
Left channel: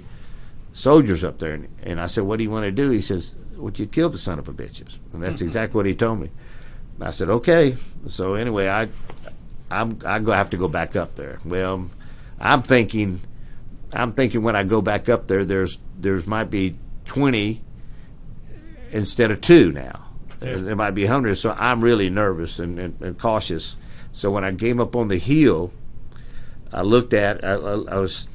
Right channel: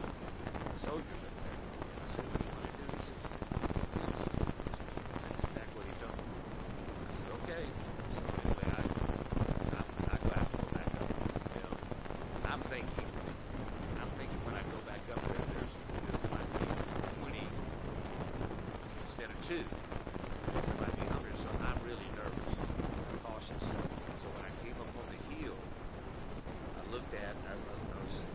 soldiers up there." And I said, "What do you want to do?" He says, "Would you kill the son of a bitches?" And that's exactly what he told me. And I said, "Okay." So anyway, I'm gonna have to go back up there. Well, I'm thinking when I go back up there, there's might be 20 instead of 2 now. Yeah. There might be 100. So I'm really nervous and cautious. So when I came up on the hill, I looked at I was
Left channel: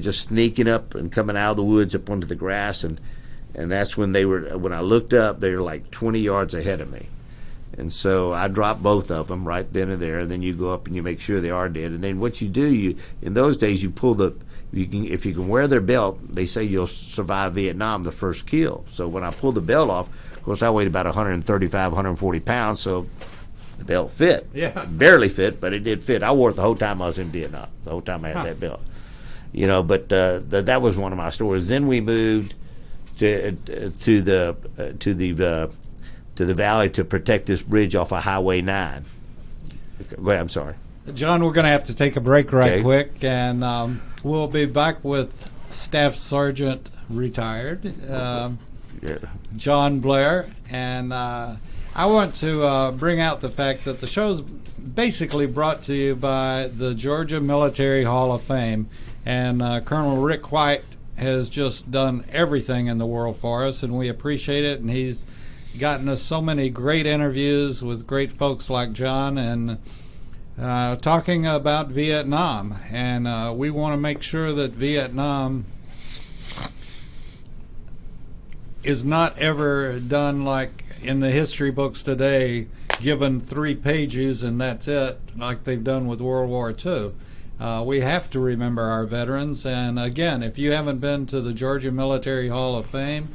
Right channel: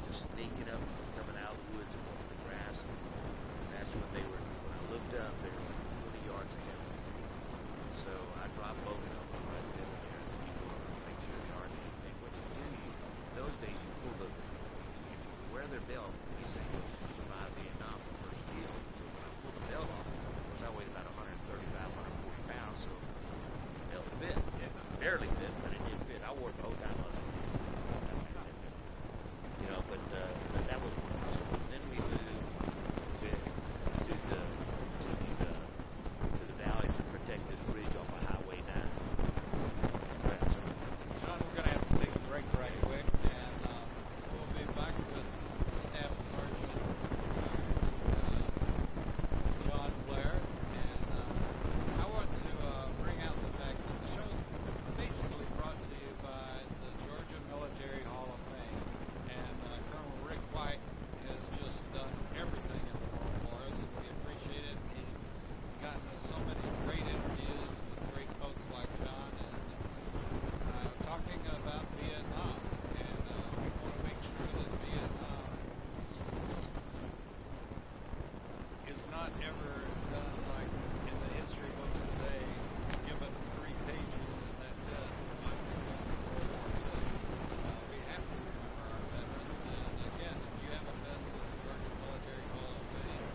just sneaking up and coming out of the woods up onto the grass, and that's when when I looked up, they were like 20 yards ahead of me. And so I dropped both of them right then and there, and then you go up and you make sure they are dead. And then what you do, in those days, you pull if you can wear their belt, they say you'll survive Vietnam, the first kill. So when I pulled the belt off, of course, I weighed about 135, 140 pounds, so the belt fit. Yeah. Barely fit, but it did fit. I wore it the whole time I was in Vietnam, the whole time I had that belt. But that was one of my stories. Then we moved to the valley to protect this bridge off of Highway 9. Go ahead, I'm sorry. John, we're going to have to take a break Okay. quick, and we'll be back with Staff Sergeant retired, John Blair. And I want to bring out the fact that the show's basically brought to you by the Georgia Military Hall of Fame. And Colonel Rick White has just done everything in the world for us, and we appreciate it. And he's gotten us so many great interviews with great folks like John, and talking about Vietnam. And we want to make sure that Vietnam is not ever done like in the history books today, given 3 pages and that's it, like they've done with World War II. We have to remember our veterans, and again, if you haven't been to the Georgia Military Hall of Fame,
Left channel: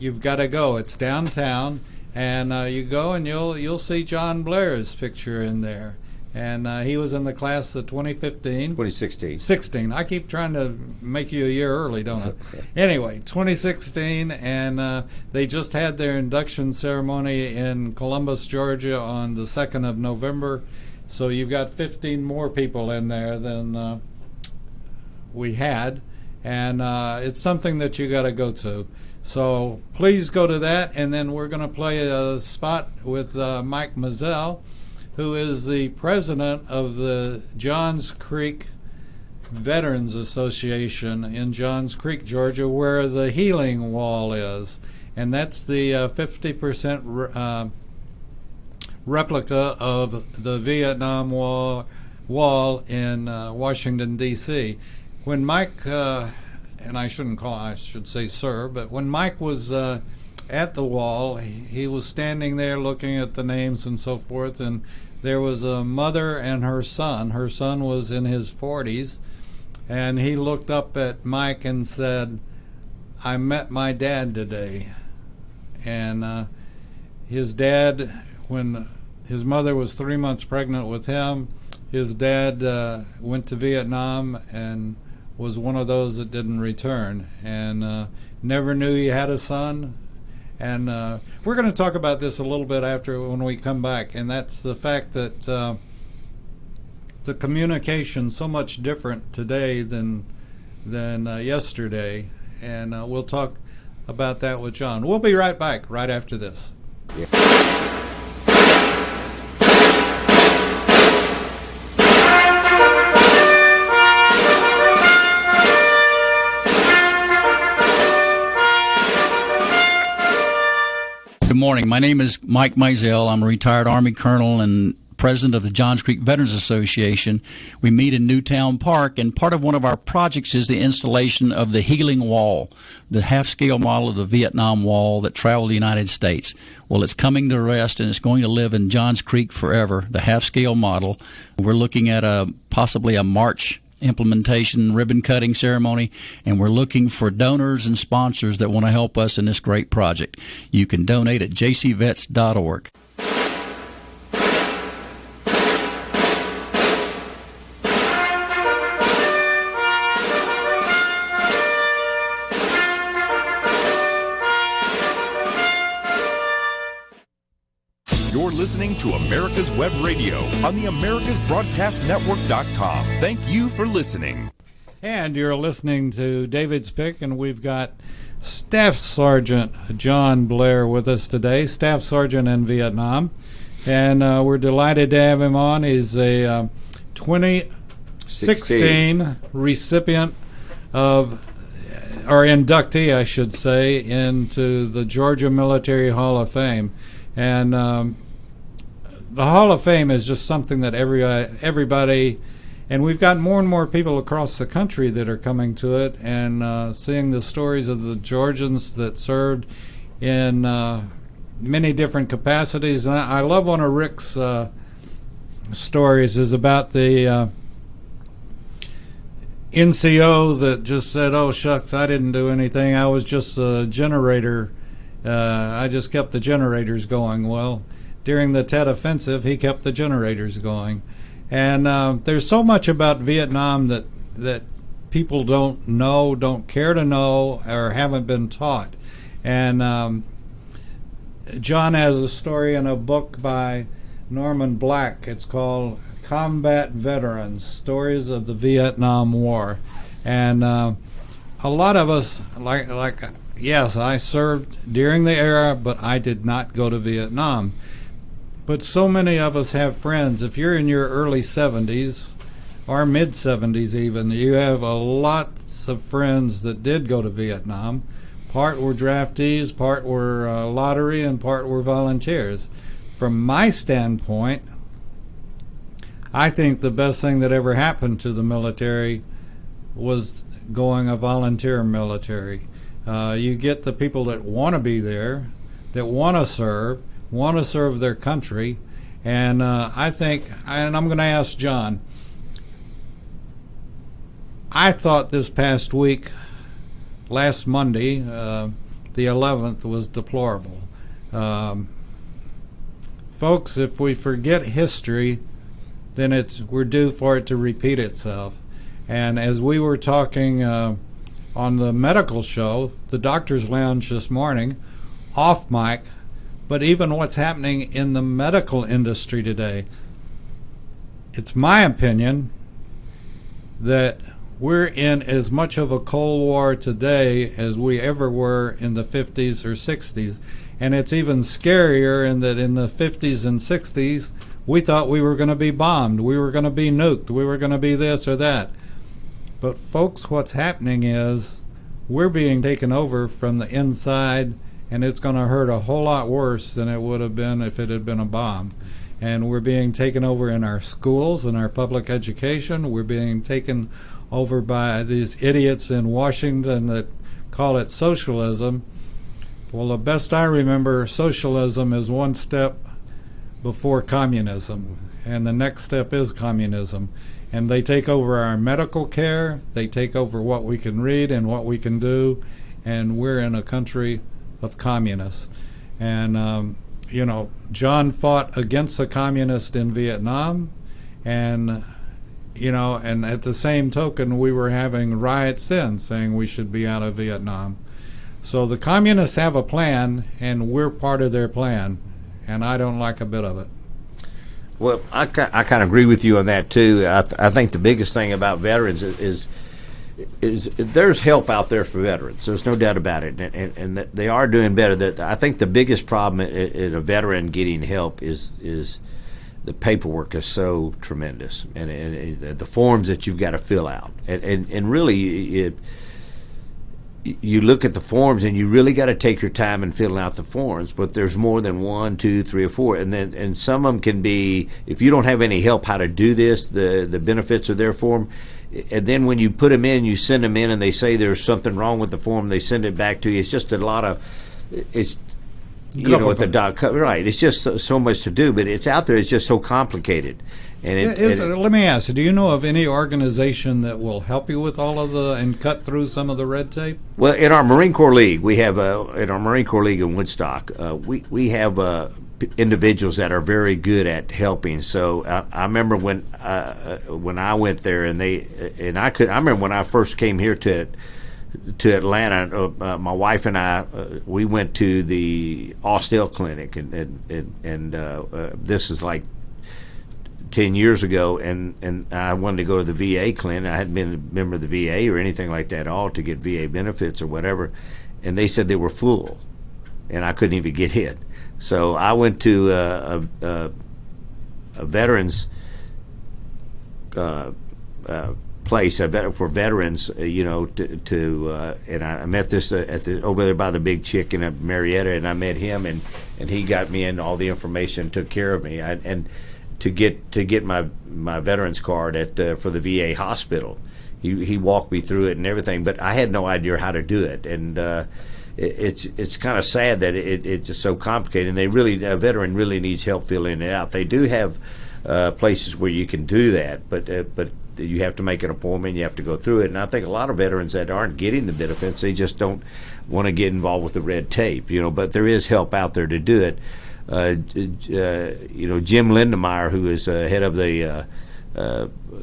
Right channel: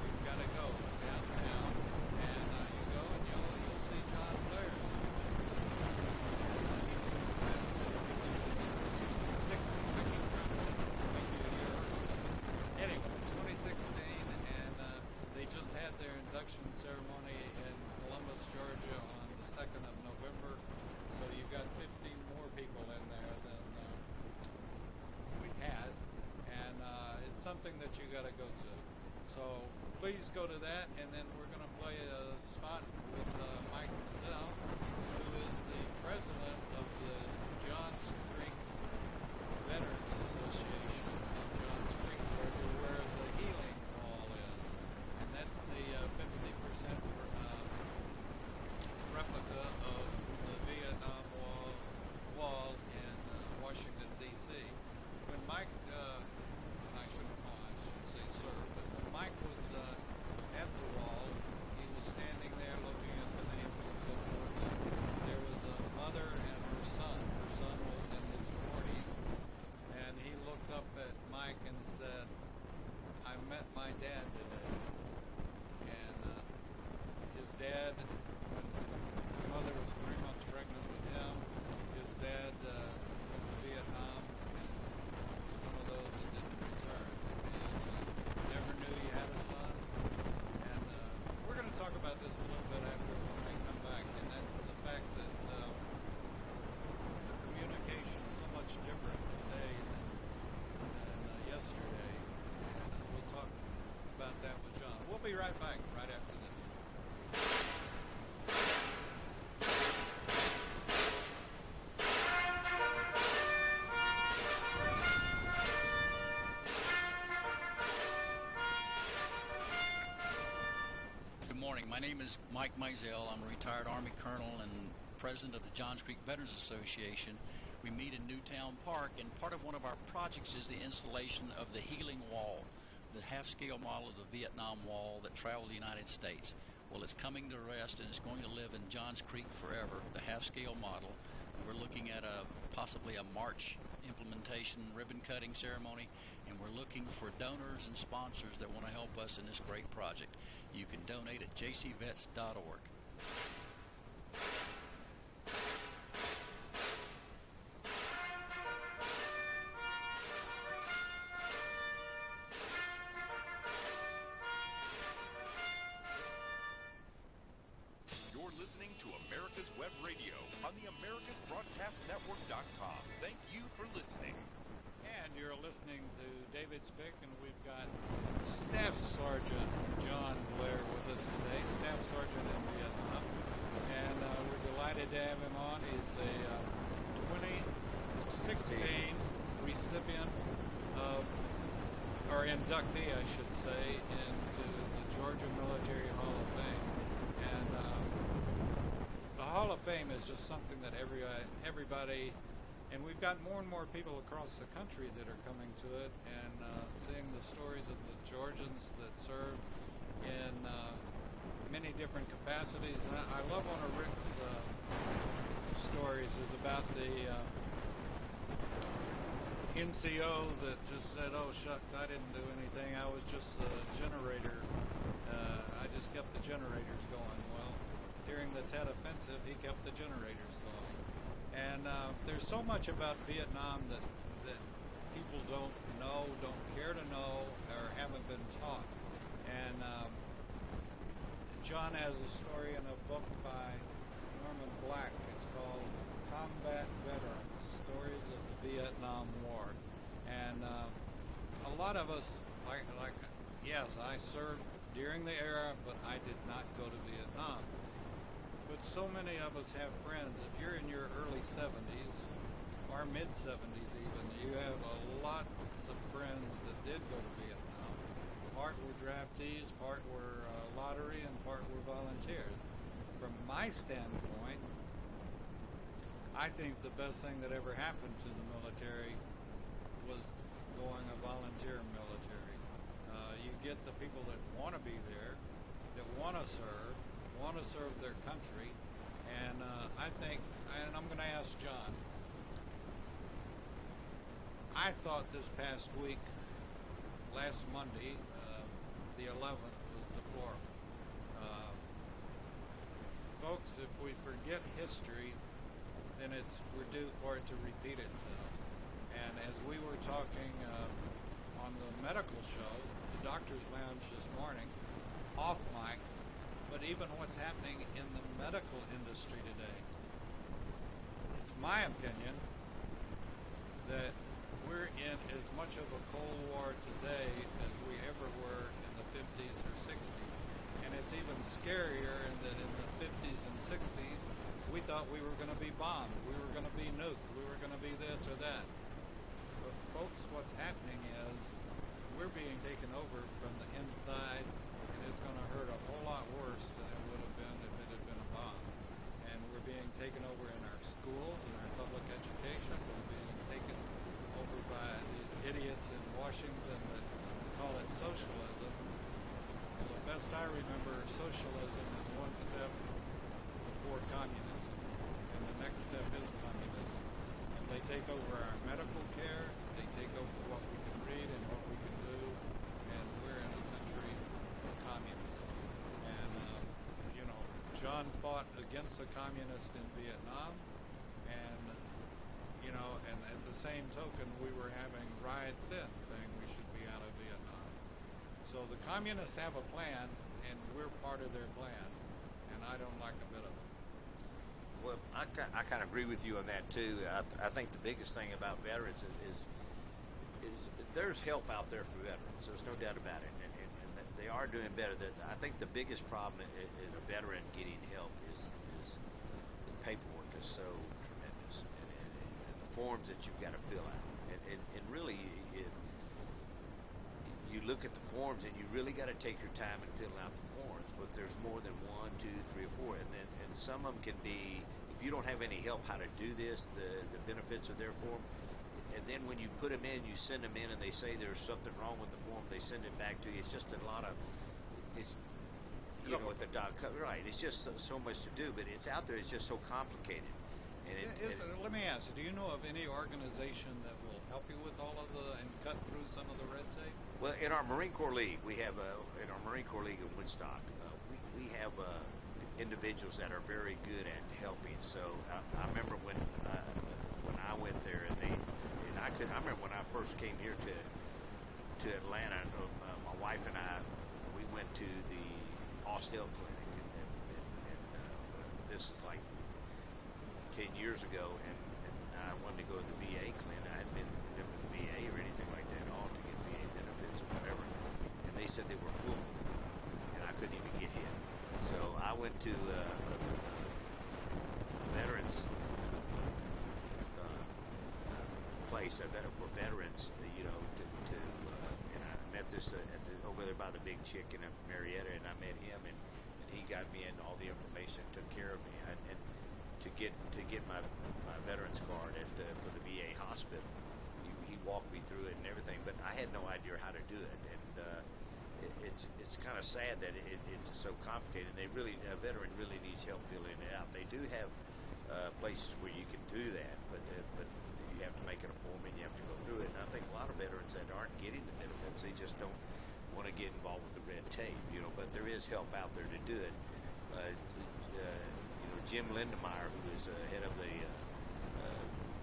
you've got to go. It's downtown, and you go and you'll see John Blair's picture in there, and he was in the class of 2015. 2016. I keep trying to make you a year early, don't I? Anyway, 2016, and they just had their induction ceremony in Columbus, Georgia on the 2nd of November. So you've got 15 more people in there than we had, and it's something that you got to go to. So please go to that, and then we're going to play a spot with Mike Mazzell, who is the president of the Johns Creek Veterans Association in Johns Creek, Georgia, where the Healing Wall is, and that's the 50% replica of the Vietnam Wall in Washington, D.C. When Mike, and I should say sir, but when Mike was at the wall, he was standing there looking at the names and so forth, and there was a mother and her son. Her son was in his 40s, and he looked up at Mike and said, "I met my dad today." And his dad, when his mother was 3 months pregnant with him, his dad went to Vietnam and was one of those that didn't return, and never knew he had a son. And we're going to talk about this a little bit when we come back, and that's the fact that the communication's so much different today than yesterday, and we'll talk about that with John. We'll be right back right after this. Yeah. Good morning. My name is Mike Mazzell. I'm a retired Army colonel and president of the Johns Creek Veterans Association. We meet in Newtown Park, and part of one of our projects is the installation of the Healing Wall, the half-scale model of the Vietnam Wall that traveled the United States. Well, it's coming to rest, and it's going to live in Johns Creek forever, the half-scale model. We're looking at possibly a March implementation ribbon cutting ceremony, and we're looking for donors and sponsors that want to help us in this great project. You can donate at jcvets.org. You're listening to America's Web Radio on the AmericasBroadcastNetwork.com. Thank you for listening. And you're listening to David's Pick, and we've got Staff Sergeant John Blair with us today, Staff Sergeant in Vietnam. And we're delighted to have him on. He's a 2016 recipient of, or inductee, I should say, into the Georgia Military Hall of Fame. And the Hall of Fame is just something that everybody And we've got more and more people across the country that are coming to it and seeing the stories of the Georgians that served in many different capacities. And I love one of Rick's stories is about the NCO that just said, "Oh shucks, I didn't do anything. I was just a generator. I just kept the generators going." Well, during the Tet Offensive, he kept the generators going. And there's so much about Vietnam that people don't know, don't care to know, or haven't been taught. And John has a story in a book by Norman Black. It's called Combat Veterans, Stories of the Vietnam War. And a lot of us, yes, I served during the era, but I did not go to Vietnam. But so many of us have friends. If you're in your early 70s or mid 70s even, you have a lots of friends that did go to Vietnam. Part were draftees, part were lottery, and part were volunteers. From my standpoint, I think the best thing that ever happened to the military was going a volunteer military. You get the people that want to be there, that want to serve their country. And I think, and I'm going to ask John, I thought this past week, last Monday, the 11th, was deplorable. Folks, if we forget history, then we're due for it to repeat itself. And as we were talking on the medical show, the Doctor's Lounge this morning, off mic, but even what's happening in the medical industry today, it's my opinion that we're in as much of a Cold War today as we ever were in the 50s or 60s. And it's even scarier in that in the 50s and 60s, we thought we were going to be bombed, we were going to be nuked, we were going to be this or that. But folks, what's happening is we're being taken over from the inside, and it's going to hurt a whole lot worse than it would have been if it had been a bomb. And we're being taken over in our schools, in our public education. We're being taken over by these idiots in Washington that call it socialism. Well, the best I remember, socialism is one step before communism, and the next step is communism. And they take over our medical care, they take over what we can read and what we can do, and we're in a country of communists. And John fought against the communists in Vietnam, and and at the same token, we were having riots then saying we should be out of Vietnam. So the communists have a plan, and we're part of their plan, and I don't like a bit of it. Well, I kind of agree with you on that too. I think the biggest thing about veterans is there's help out there for veterans. There's no doubt about it, and they are doing better. I think the biggest problem in a veteran getting help is the paperwork is so tremendous, and the forms that you've got to fill out, and really you look at the forms and you really got to take your time in filling out the forms. But there's more than 1, 2, 3, or 4, and some of them can be, if you don't have any help how to do this, the benefits of their form. And then when you put them in, you send them in, and they say there's something wrong with the form. They send it back to you. It's just a lot of, it's with the doc, right? It's just so much to do, but it's out there. It's just so complicated. And let me ask you: do you know of any organization that will help you with all of and cut through some of the red tape? Well, in our Marine Corps League, we have in our Marine Corps League in Woodstock, we have individuals that are very good at helping. So I remember when I went there, I remember when I first came here to Atlanta, my wife and I, we went to the Austell Clinic, and this is like 10 years ago, and I wanted to go to the VA clinic. I hadn't been a member of the VA or anything like that at all to get VA benefits or whatever, and they said they were full, and I couldn't even get in. So I went to a veterans place for veterans, and I met this over there by the Big Chicken at Marietta, and I met him, and he got me in all the information, took care of me, to get my veterans card for the VA hospital. He walked me through it and everything, but I had no idea how to do it, and it's kind of sad that it's just so complicated. And a veteran really needs help filling it out. They do have places where you can do that, but you have to make an appointment. You have to go through it, and I think a lot of veterans that aren't getting the benefits, they just don't want to get involved with the red tape, But there is help out there to do it. Jim Lindemeyer, who is head of the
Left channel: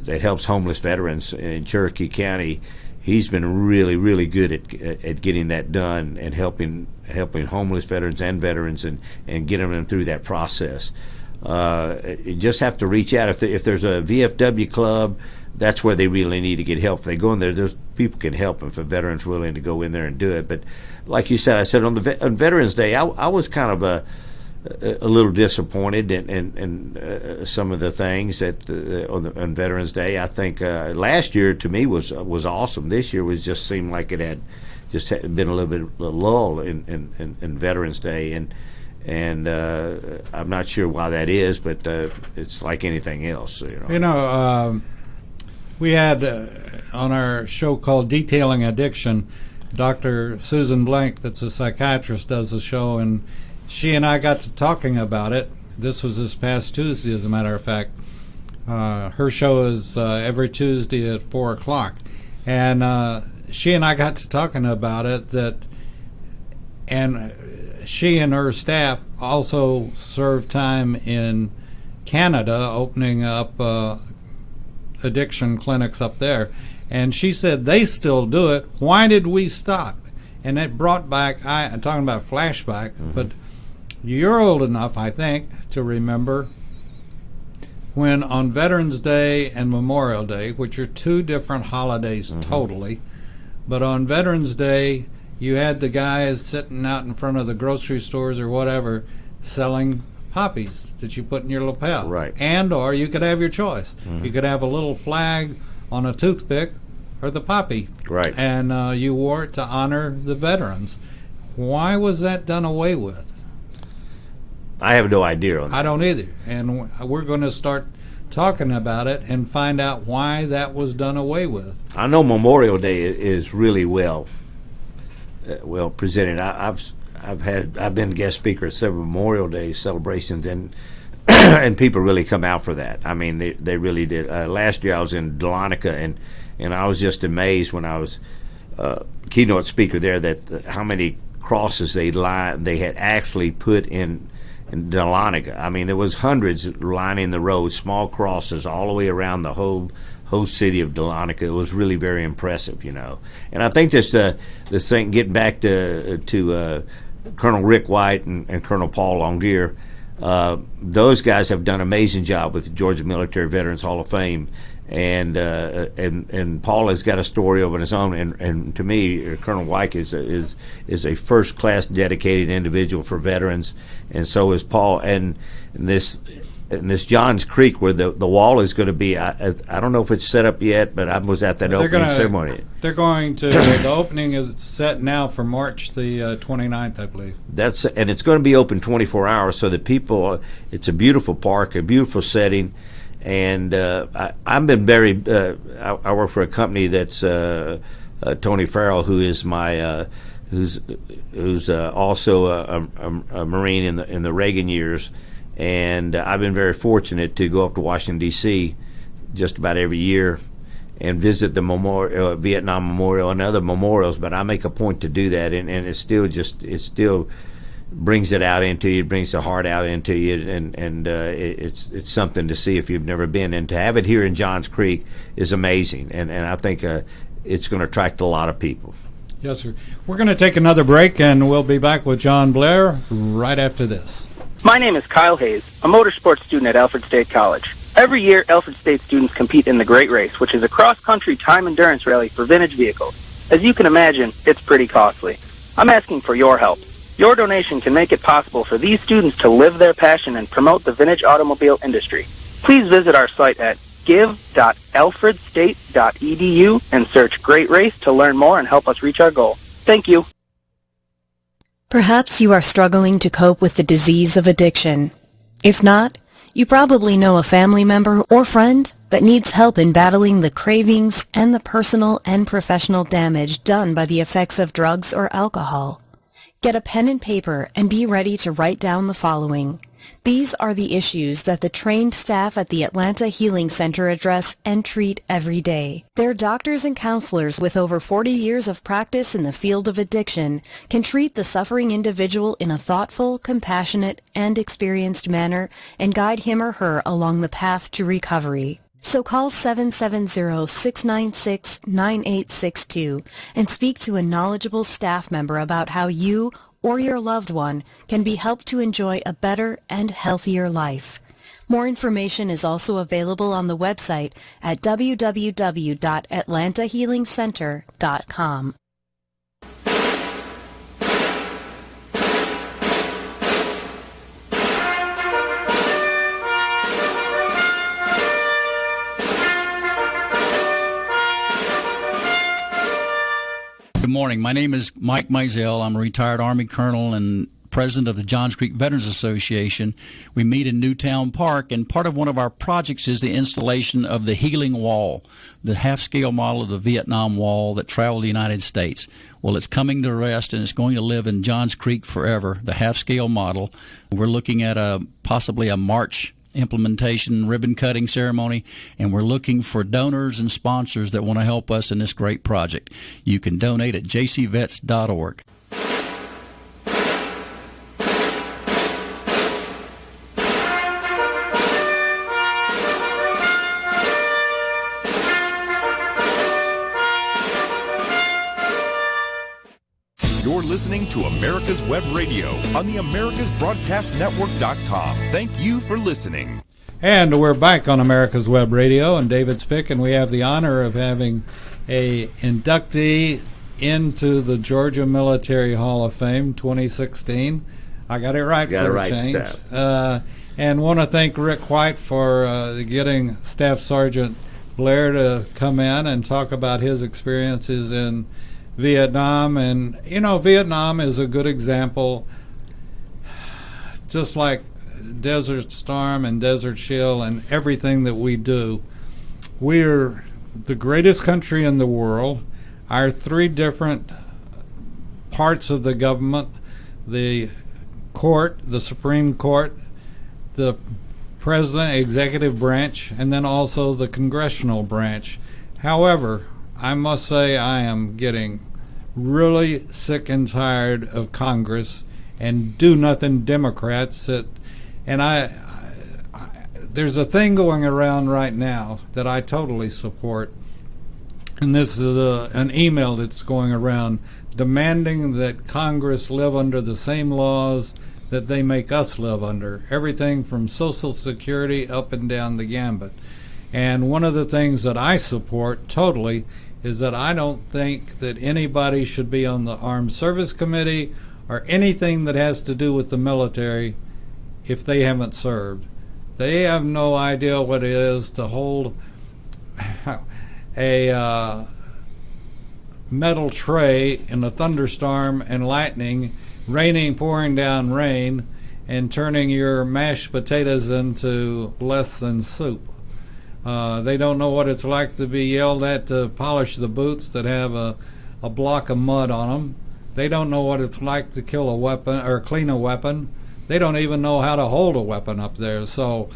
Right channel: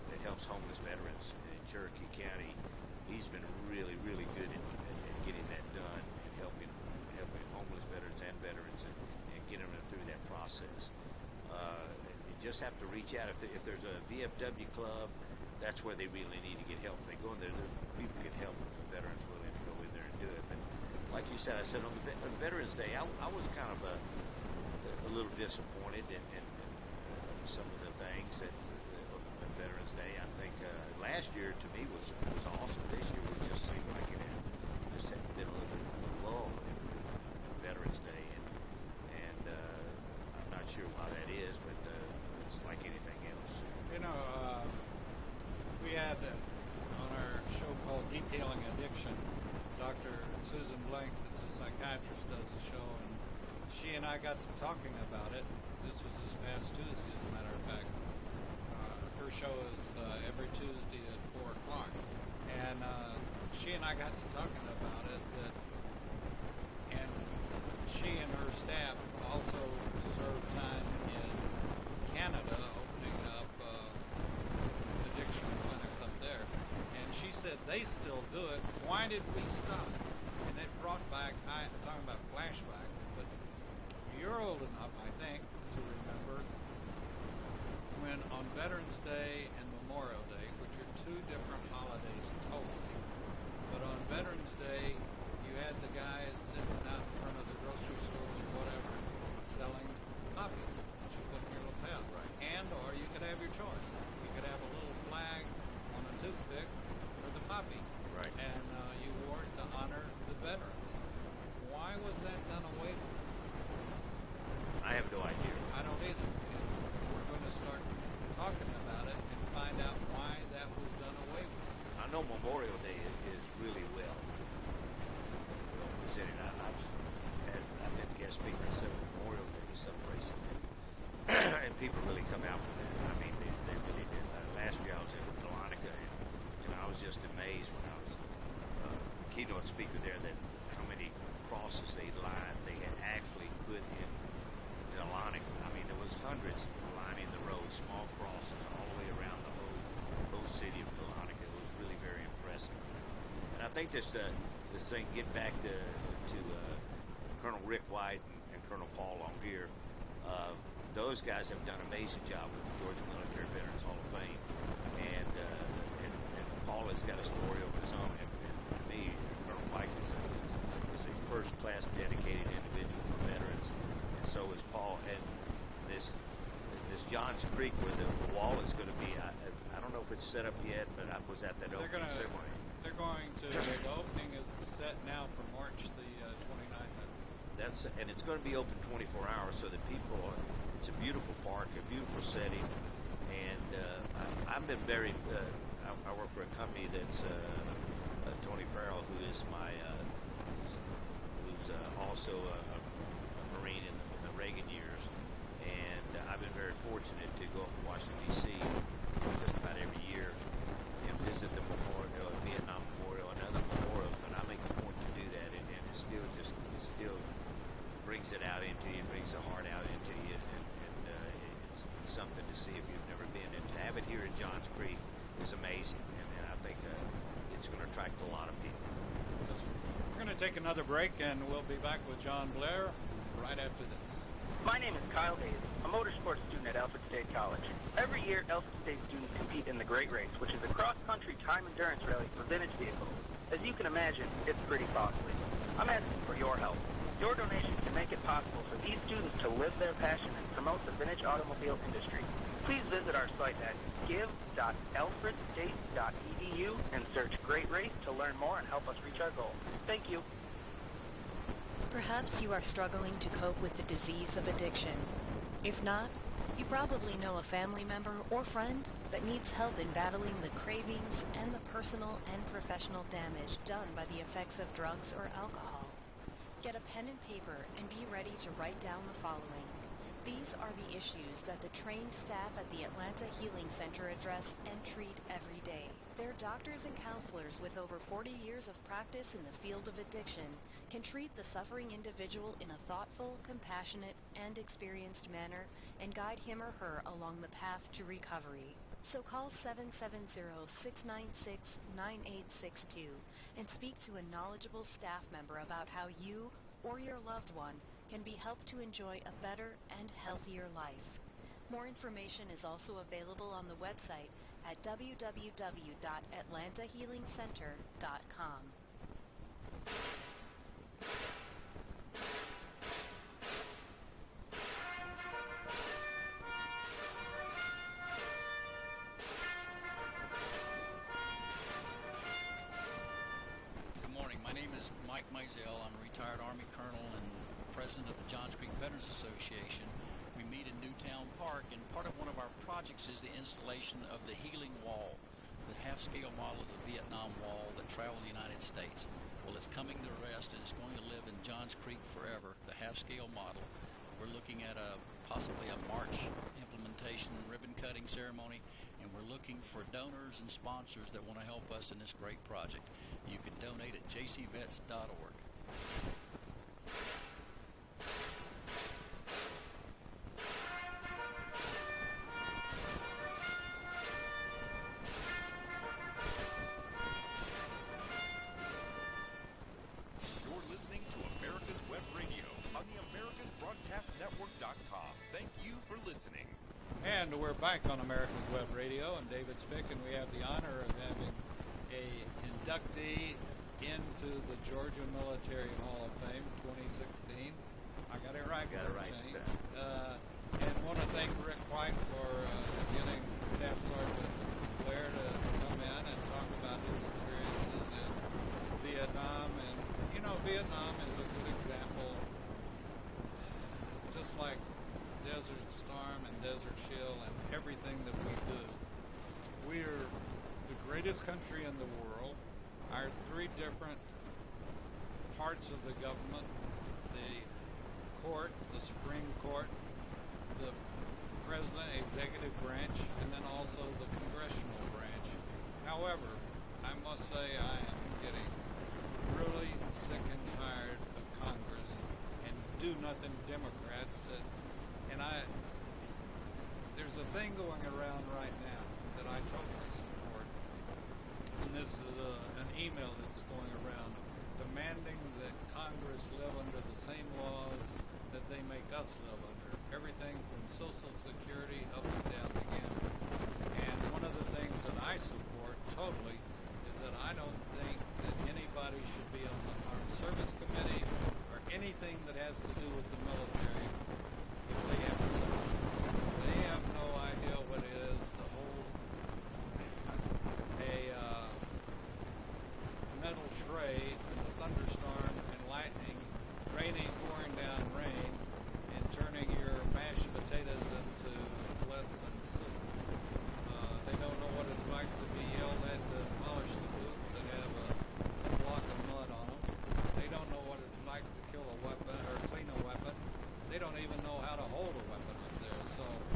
that helps homeless veterans in Cherokee County, he's been really, really good at getting that done and helping homeless veterans and getting them through that process. You just have to reach out. If there's a VFW club, that's where they really need to get help. If they go in there, those people can help them if a veteran's willing to go in there and do it. But like you said, on Veterans Day, I was kind of a little disappointed in some of the things on Veterans Day. I think last year to me was awesome. This year seemed like it had just been a little bit of a lull in Veterans Day, and I'm not sure why that is, but it's like anything else. We had on our show called Detailing Addiction, Dr. Susan Blank, that's a psychiatrist, does the show, and she and I got to talking about it. This was this past Tuesday, as a matter of fact. Her show is every Tuesday at 4 o'clock. And she and I got to talking about it, and she and her staff also served time in Canada, opening up addiction clinics up there. And she said they still do it. Why did we stop? And it brought back, I'm talking about flashback, but you're old enough, I think, to remember when on Veterans Day and Memorial Day, which are two different holidays totally, but on Veterans Day, you had the guys sitting out in front of the grocery stores or whatever selling poppies that you put in your lapel. Right. And or you could have your choice. You could have a little flag on a toothpick or the poppy. Right. And you wore it to honor the veterans. Why was that done away with? I have no idea on that. I don't either. And we're going to start talking about it and find out why that was done away with. I know Memorial Day is really well presented. I've been guest speaker at several Memorial Day celebrations, and and people really come out for that. I mean, they really did. Last year I was in Dahlonega, and I was just amazed when I was keynote speaker there that how many crosses they had actually put in Dahlonega. I mean, there was hundreds lining the road, small crosses all the way around the whole city of Dahlonega. It was really very impressive, And I think this thing, getting back to Colonel Rick White and Colonel Paul Longier, those guys have done an amazing job with the Georgia Military Veterans Hall of Fame, and Paul has got a story of his own. And to me, Colonel White is a first class dedicated individual for veterans, and so is Paul. And this Johns Creek, where the wall is going to be, I don't know if it's set up yet, but I was at that opening ceremony. They're going to, the opening is set now for March the 29th, I believe. And it's going to be open 24 hours, so that people, it's a beautiful park, a beautiful setting. And I've been very, I work for a company that's Tony Farrell, who is my, who's also a Marine in the Reagan years. And I've been very fortunate to go up to Washington, D.C. just about every year and visit the Vietnam Memorial and other memorials. But I make a point to do that, and it still brings it out into you, it brings the heart out into you, and it's something to see if you've never been. And to have it here in Johns Creek is amazing, and I think it's going to attract a lot of people. Yes, sir. We're going to take another break, and we'll be back with John Blair right after this. My name is Kyle Hayes, a motorsports student at Alfred State College. Every year, Alfred State students compete in the Great Race, which is a cross-country time endurance rally for vintage vehicles. As you can imagine, it's pretty costly. I'm asking for your help. Your donation can make it possible for these students to live their passion and promote the vintage automobile industry. Please visit our site at give.alfredstate.edu and search Great Race to learn more and help us reach our goal. Thank you. Perhaps you are struggling to cope with the disease of addiction. If not, You probably know a family member or friend that needs help in battling the cravings and the personal and professional damage done by the effects of drugs or alcohol. Get a pen and paper and be ready to write down the following. These are the issues that the trained staff at the Atlanta Healing Center address and treat every day. Their doctors and counselors with over 40 years of practice in the field of addiction can treat the suffering individual in a thoughtful, compassionate, and experienced manner and guide him or her along the path to recovery. So call 770-696-9862 and speak to a knowledgeable staff member about how you or your loved one can be helped to enjoy a better and healthier life. More information is also available on the website at www.atlantahealingcenter.com. Good morning. My name is Mike Mizell. I'm a retired Army colonel and president of the Johns Creek Veterans Association. We meet in Newtown Park, and part of one of our projects is the installation of the Healing Wall, the half-scale model of the Vietnam Wall that traveled the United States. Well, it's coming to rest, and it's going to live in Johns Creek forever, the half-scale model. We're looking at possibly a March implementation ribbon cutting ceremony, and we're looking for donors and sponsors that want to help us in this great project. You can donate at jcvets.org. You're listening to America's Web Radio on the AmericasBroadcastNetwork.com. Thank you for listening. And we're back on America's Web Radio, and David Spick, and we have the honor of having a inductee into the Georgia Military Hall of Fame 2016. I got it right for a change. And want to thank Rick White for getting Staff Sergeant Blair to come in and talk about his experiences in Vietnam. And, you know, Vietnam is a good example, just like Desert Storm and Desert Shield and everything that we do. We're the greatest country in the world. Our three different parts of the government, the court, the Supreme Court, the president, executive branch, and then also the congressional branch. However, I must say I am getting really sick and tired of Congress and do-nothing Democrats and there's a thing going around right now that I totally support, and this is an email that's going around demanding that Congress live under the same laws that they make us live under, everything from Social Security up and down the gambit. And one of the things that I support totally is that I don't think that anybody should be on the Armed Service Committee or anything that has to do with the military if they haven't served. They have no idea what it is to hold a metal tray in a thunderstorm and lightning, pouring down rain, and turning your mashed potatoes into less than soup. They don't know what it's like to be yelled at to polish the boots that have a block of mud on them. They don't know what it's like to kill a weapon or clean a weapon. They don't even know how to hold a weapon up there. So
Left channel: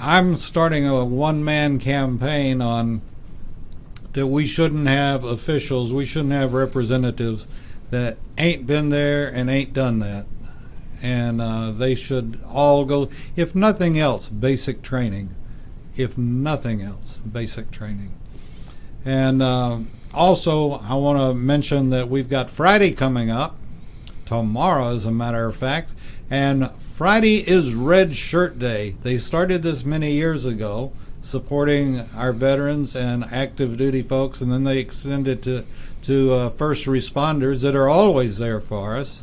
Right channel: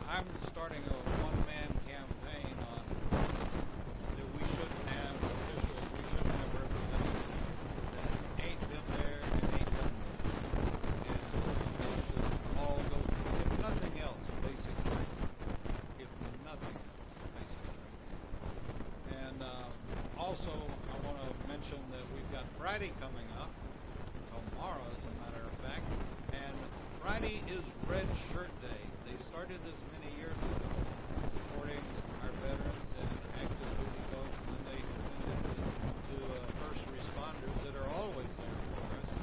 I'm starting a one-man campaign on that we shouldn't have officials, we shouldn't have representatives that ain't been there and ain't done that. And they should all go, if nothing else, basic training. If nothing else, basic training. And also, I want to mention that we've got Friday coming up, tomorrow as a matter of fact, and Friday is Red Shirt Day. They started this many years ago, supporting our veterans and active duty folks, and then they extended to first responders that are always there for us.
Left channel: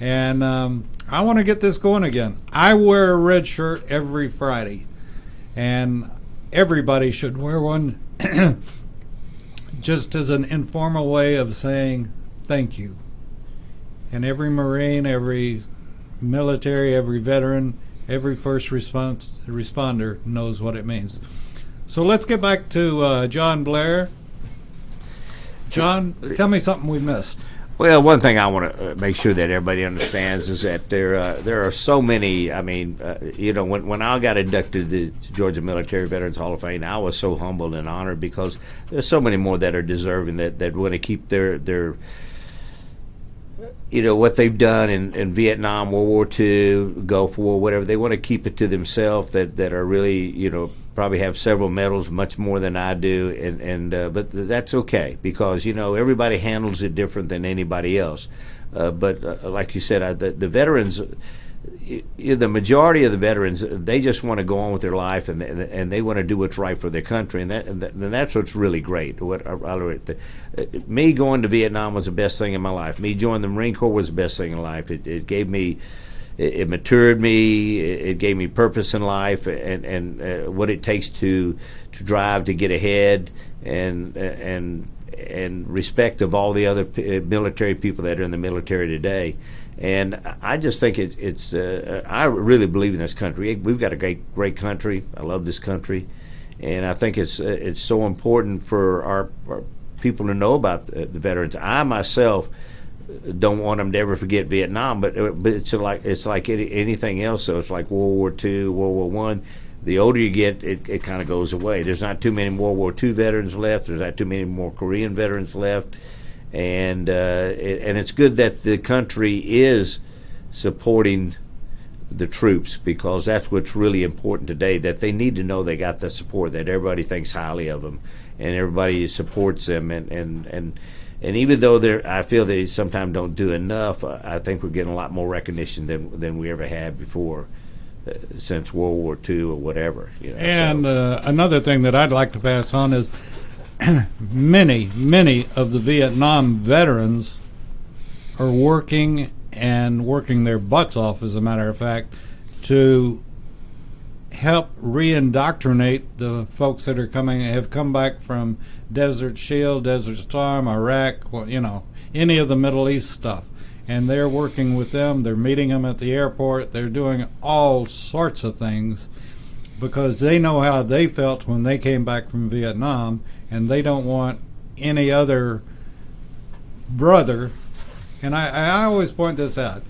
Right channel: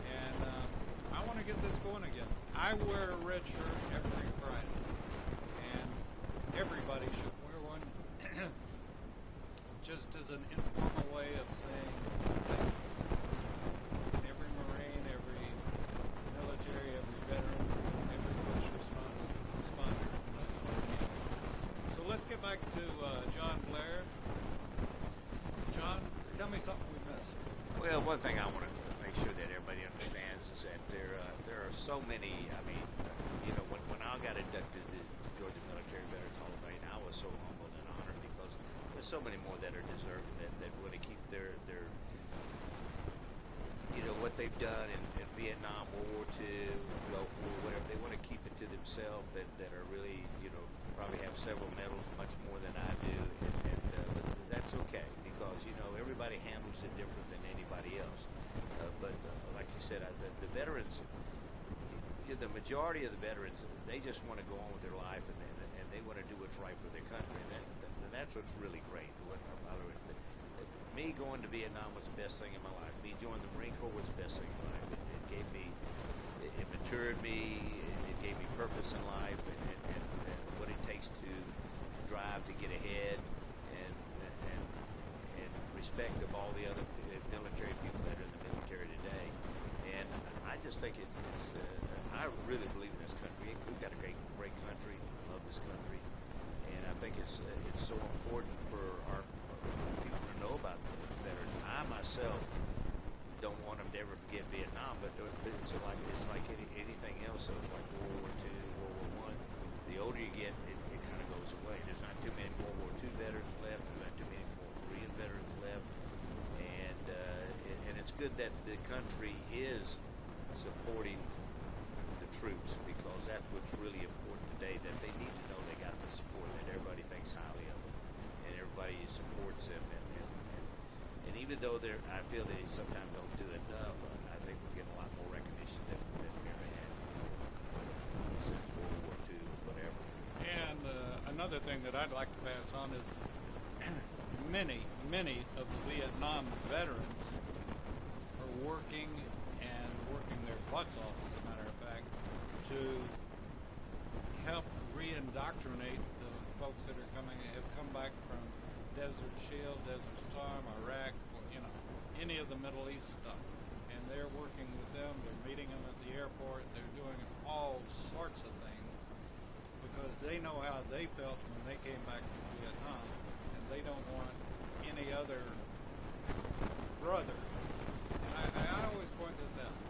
And I want to get this going again. I wear a red shirt every Friday, and everybody should wear one just as an informal way of saying thank you. And every Marine, every military, every veteran, every first responder knows what it means. So let's get back to John Blair. John, tell me something we missed. Well, one thing I want to make sure that everybody understands is that there are so many. I mean, when I got inducted to the Georgia Military Veterans Hall of Fame, I was so humbled and honored because there's so many more that are deserving that want to keep their what they've done in Vietnam, World War II, Gulf War, whatever. They want to keep it to themselves. That are really probably have several medals, much more than I do, but that's okay because everybody handles it different than anybody else. But like you said, the veterans, the majority of the veterans, they just want to go on with their life and they want to do what's right for their country, and that's what's really great. Me going to Vietnam was the best thing in my life. Me joining the Marine Corps was the best thing in life. It gave me. It matured me. It gave me purpose in life, and what it takes to drive to get ahead, and respect of all the other military people that are in the military today. And I just think it's. I really believe in this country. We've got a great country. I love this country, and I think it's so important for our people to know about the veterans. I myself don't want them to ever forget Vietnam, but it's like anything else. So it's like World War II, World War I. The older you get, it kind of goes away. There's not too many World War II veterans left. There's not too many more Korean veterans left, and it's good that the country is supporting the troops because that's what's really important today. That they need to know they got the support. That everybody thinks highly of them, and everybody supports them, and even though I feel they sometimes don't do enough, I think we're getting a lot more recognition than we ever had before, since World War II or whatever. And another thing that I'd like to pass on is many of the Vietnam veterans are working their butts off, as a matter of fact, to help reindoctrinate the folks that have come back from Desert Shield, Desert Storm, Iraq, any of the Middle East stuff. And they're working with them. They're meeting them at the airport. They're doing all sorts of things because they know how they felt when they came back from Vietnam, and they don't want any other brother. And I always point this out.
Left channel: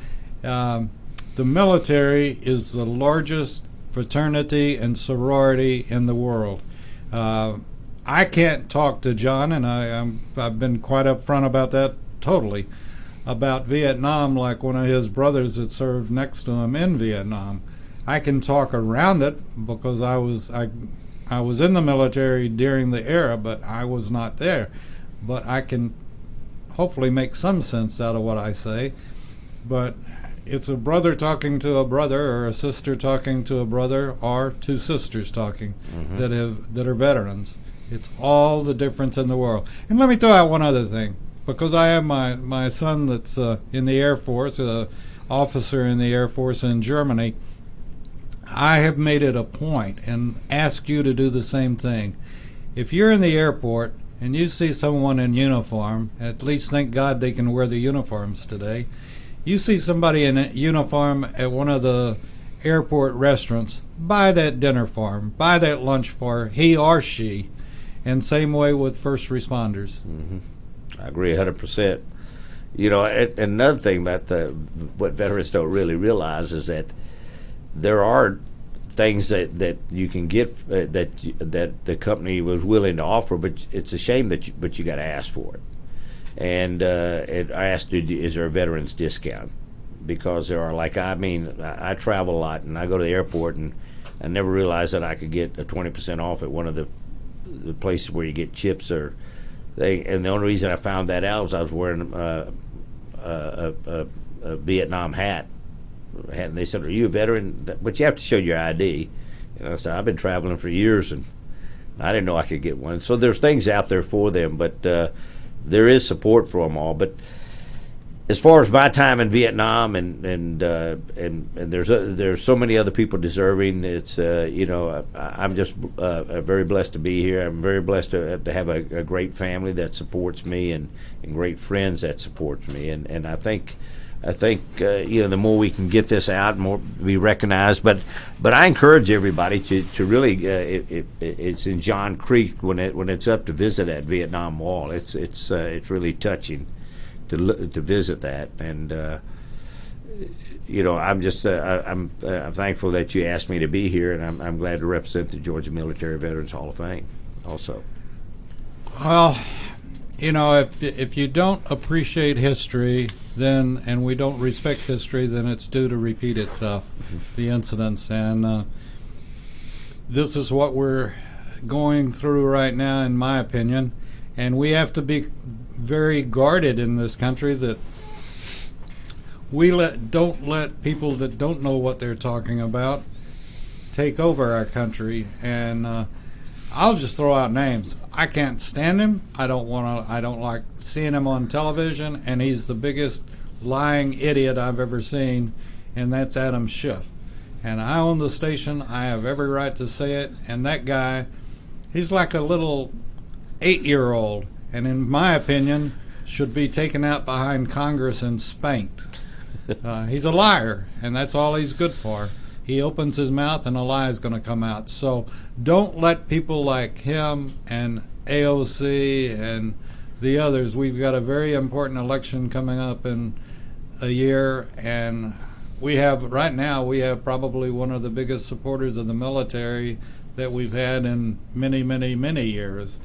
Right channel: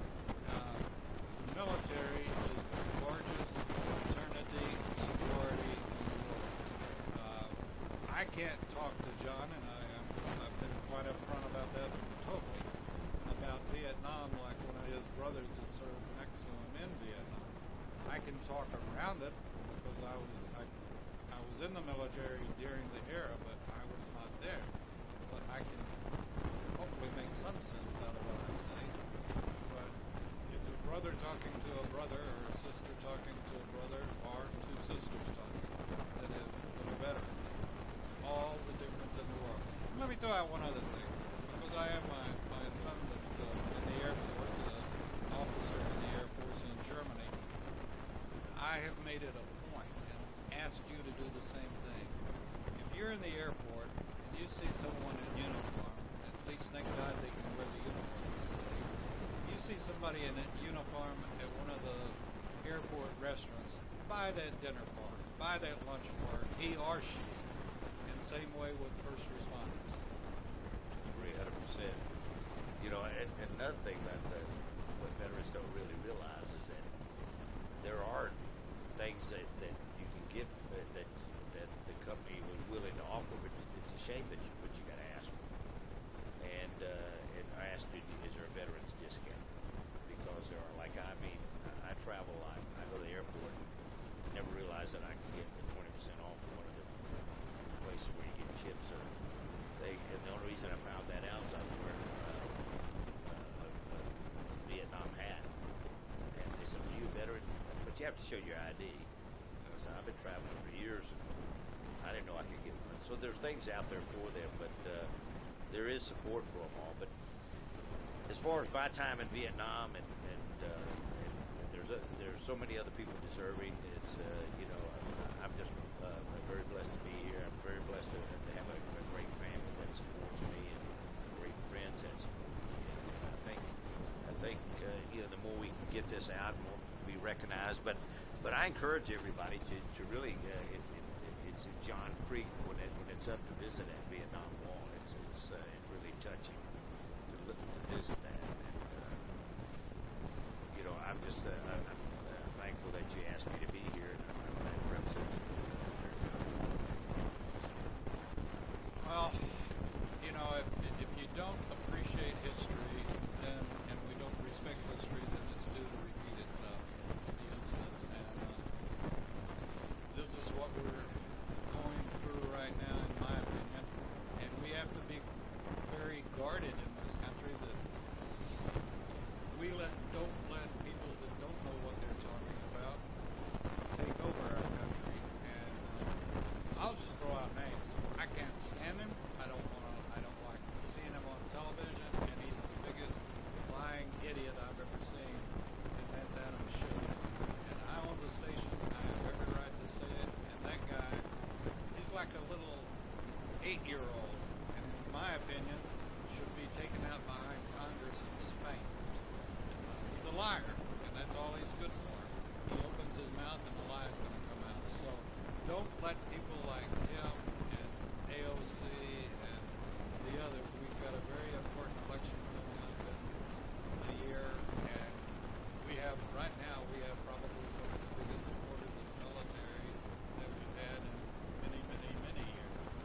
The military is the largest fraternity and sorority in the world. I can't talk to John, and I've been quite upfront about that totally, about Vietnam like one of his brothers that served next to him in Vietnam. I can talk around it because I was in the military during the era, but I was not there. But I can hopefully make some sense out of what I say. But it's a brother talking to a brother, or a sister talking to a brother, or two sisters talking that are veterans. It's all the difference in the world. And let me throw out one other thing, because I have my son that's in the Air Force, an officer in the Air Force in Germany. I have made it a point and ask you to do the same thing. If you're in the airport and you see someone in uniform, at least thank God they can wear the uniforms today. You see somebody in a uniform at one of the airport restaurants, buy that dinner for him, buy that lunch for he or she. And same way with first responders. I agree 100%. Another thing about what veterans don't really realize is that there are things that you can get that the company was willing to offer, but it's a shame that you got to ask for it. And I asked, is there a veterans discount? Because there are, I travel a lot, and I go to the airport, and I never realized that I could get a 20% off at one of the places where you get chips and the only reason I found that out was I was wearing a Vietnam hat, and they said, "Are you a veteran?" But you have to show your ID. I said, "I've been traveling for years, and I didn't know I could get one." So there's things out there for them, but there is support for them all. But as far as my time in Vietnam, and there's so many other people deserving. It's I'm just very blessed to be here. I'm very blessed to have a great family that supports me and great friends that supports me. And I think I think the more we can get this out, more be recognized. But I encourage everybody to really. It's in John Creek when it's up to visit that Vietnam Wall. It's really touching to visit that, and I'm just I'm thankful that you asked me to be here, and I'm glad to represent the Georgia Military Veterans Hall of Fame also. Well, if you don't appreciate history, and we don't respect history, then it's due to repeat itself, the incidents. And this is what we're going through right now, in my opinion. And we have to be very guarded in this country that we don't let people that don't know what they're talking about take over our country. And I'll just throw out names. I can't stand him. I don't like seeing him on television, and he's the biggest lying idiot I've ever seen, and that's Adam Schiff. And I own the station. I have every right to say it. And that guy, he's like a little 8-year-old, and in my opinion, should be taken out behind Congress and spanked. He's a liar, and that's all he's good for. He opens his mouth and a lie is going to come out. So don't let people like him and AOC and the others. We've got a very important election coming up in a year, and right now we have probably one of the biggest supporters of the military that we've had in many, many, many years.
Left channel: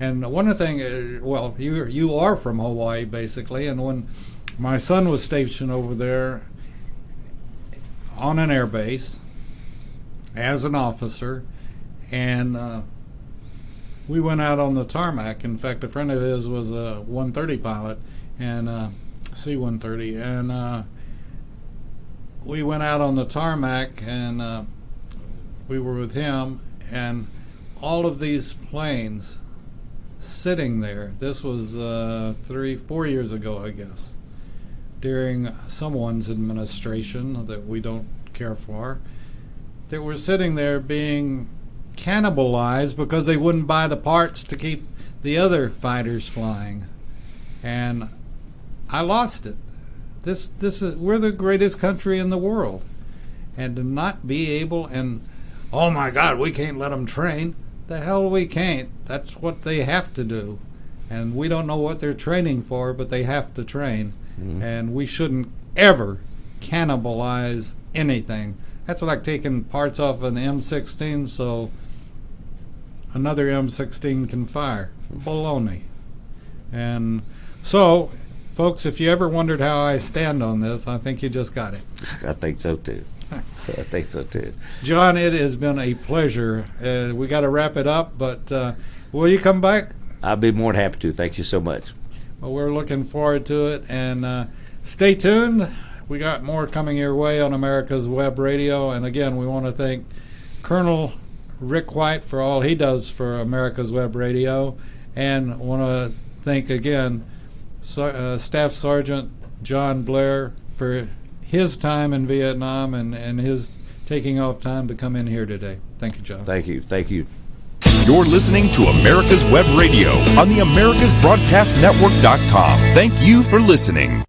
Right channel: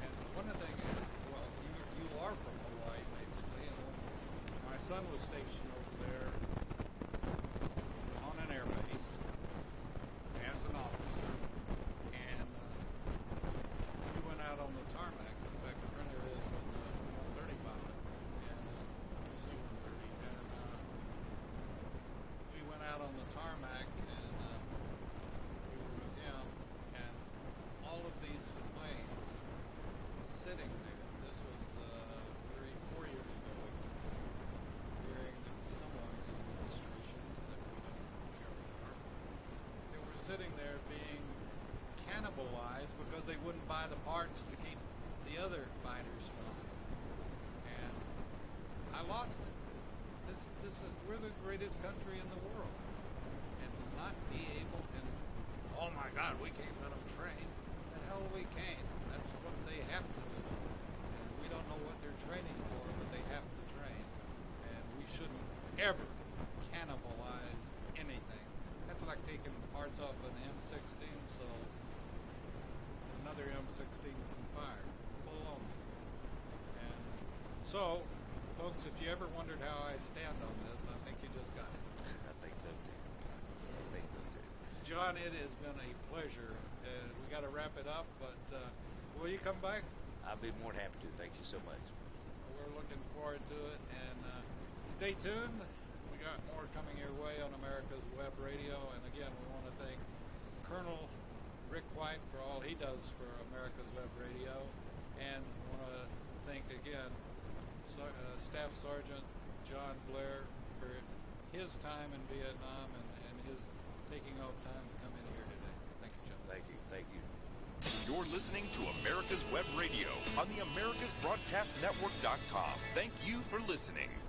And one thing, you are from Hawaii basically, and when my son was stationed over there on an air base as an officer, and we went out on the tarmac. In fact, a friend of his was a 130 pilot, and C-130, and we went out on the tarmac, and we were with him, and all of these planes sitting there. This was 3-4 years ago, I guess, during someone's administration that we don't care for, that were sitting there being cannibalized because they wouldn't buy the parts to keep the other fighters flying. And I lost it. This is, we're the greatest country in the world, and to not be able, and oh my God, we can't let them train. The hell we can't. That's what they have to do, and we don't know what they're training for, but they have to train. And we shouldn't ever cannibalize anything. That's like taking parts off an M16 so another M16 can fire. Baloney. And so, folks, if you ever wondered how I stand on this, I think you just got it. I think so too. I think so too. John, it has been a pleasure. We got to wrap it up, but will you come back? I'll be more than happy to. Thank you so much. Well, we're looking forward to it, and stay tuned. We got more coming your way on America's Web Radio, and again, we want to thank Colonel Rick White for all he does for America's Web Radio, and want to thank again Staff Sergeant John Blair for his time in Vietnam and his taking off time to come in here today. Thank you, John. Thank you. Thank you. You're listening to America's Web Radio on the AmericasBroadcastNetwork.com. Thank you for listening.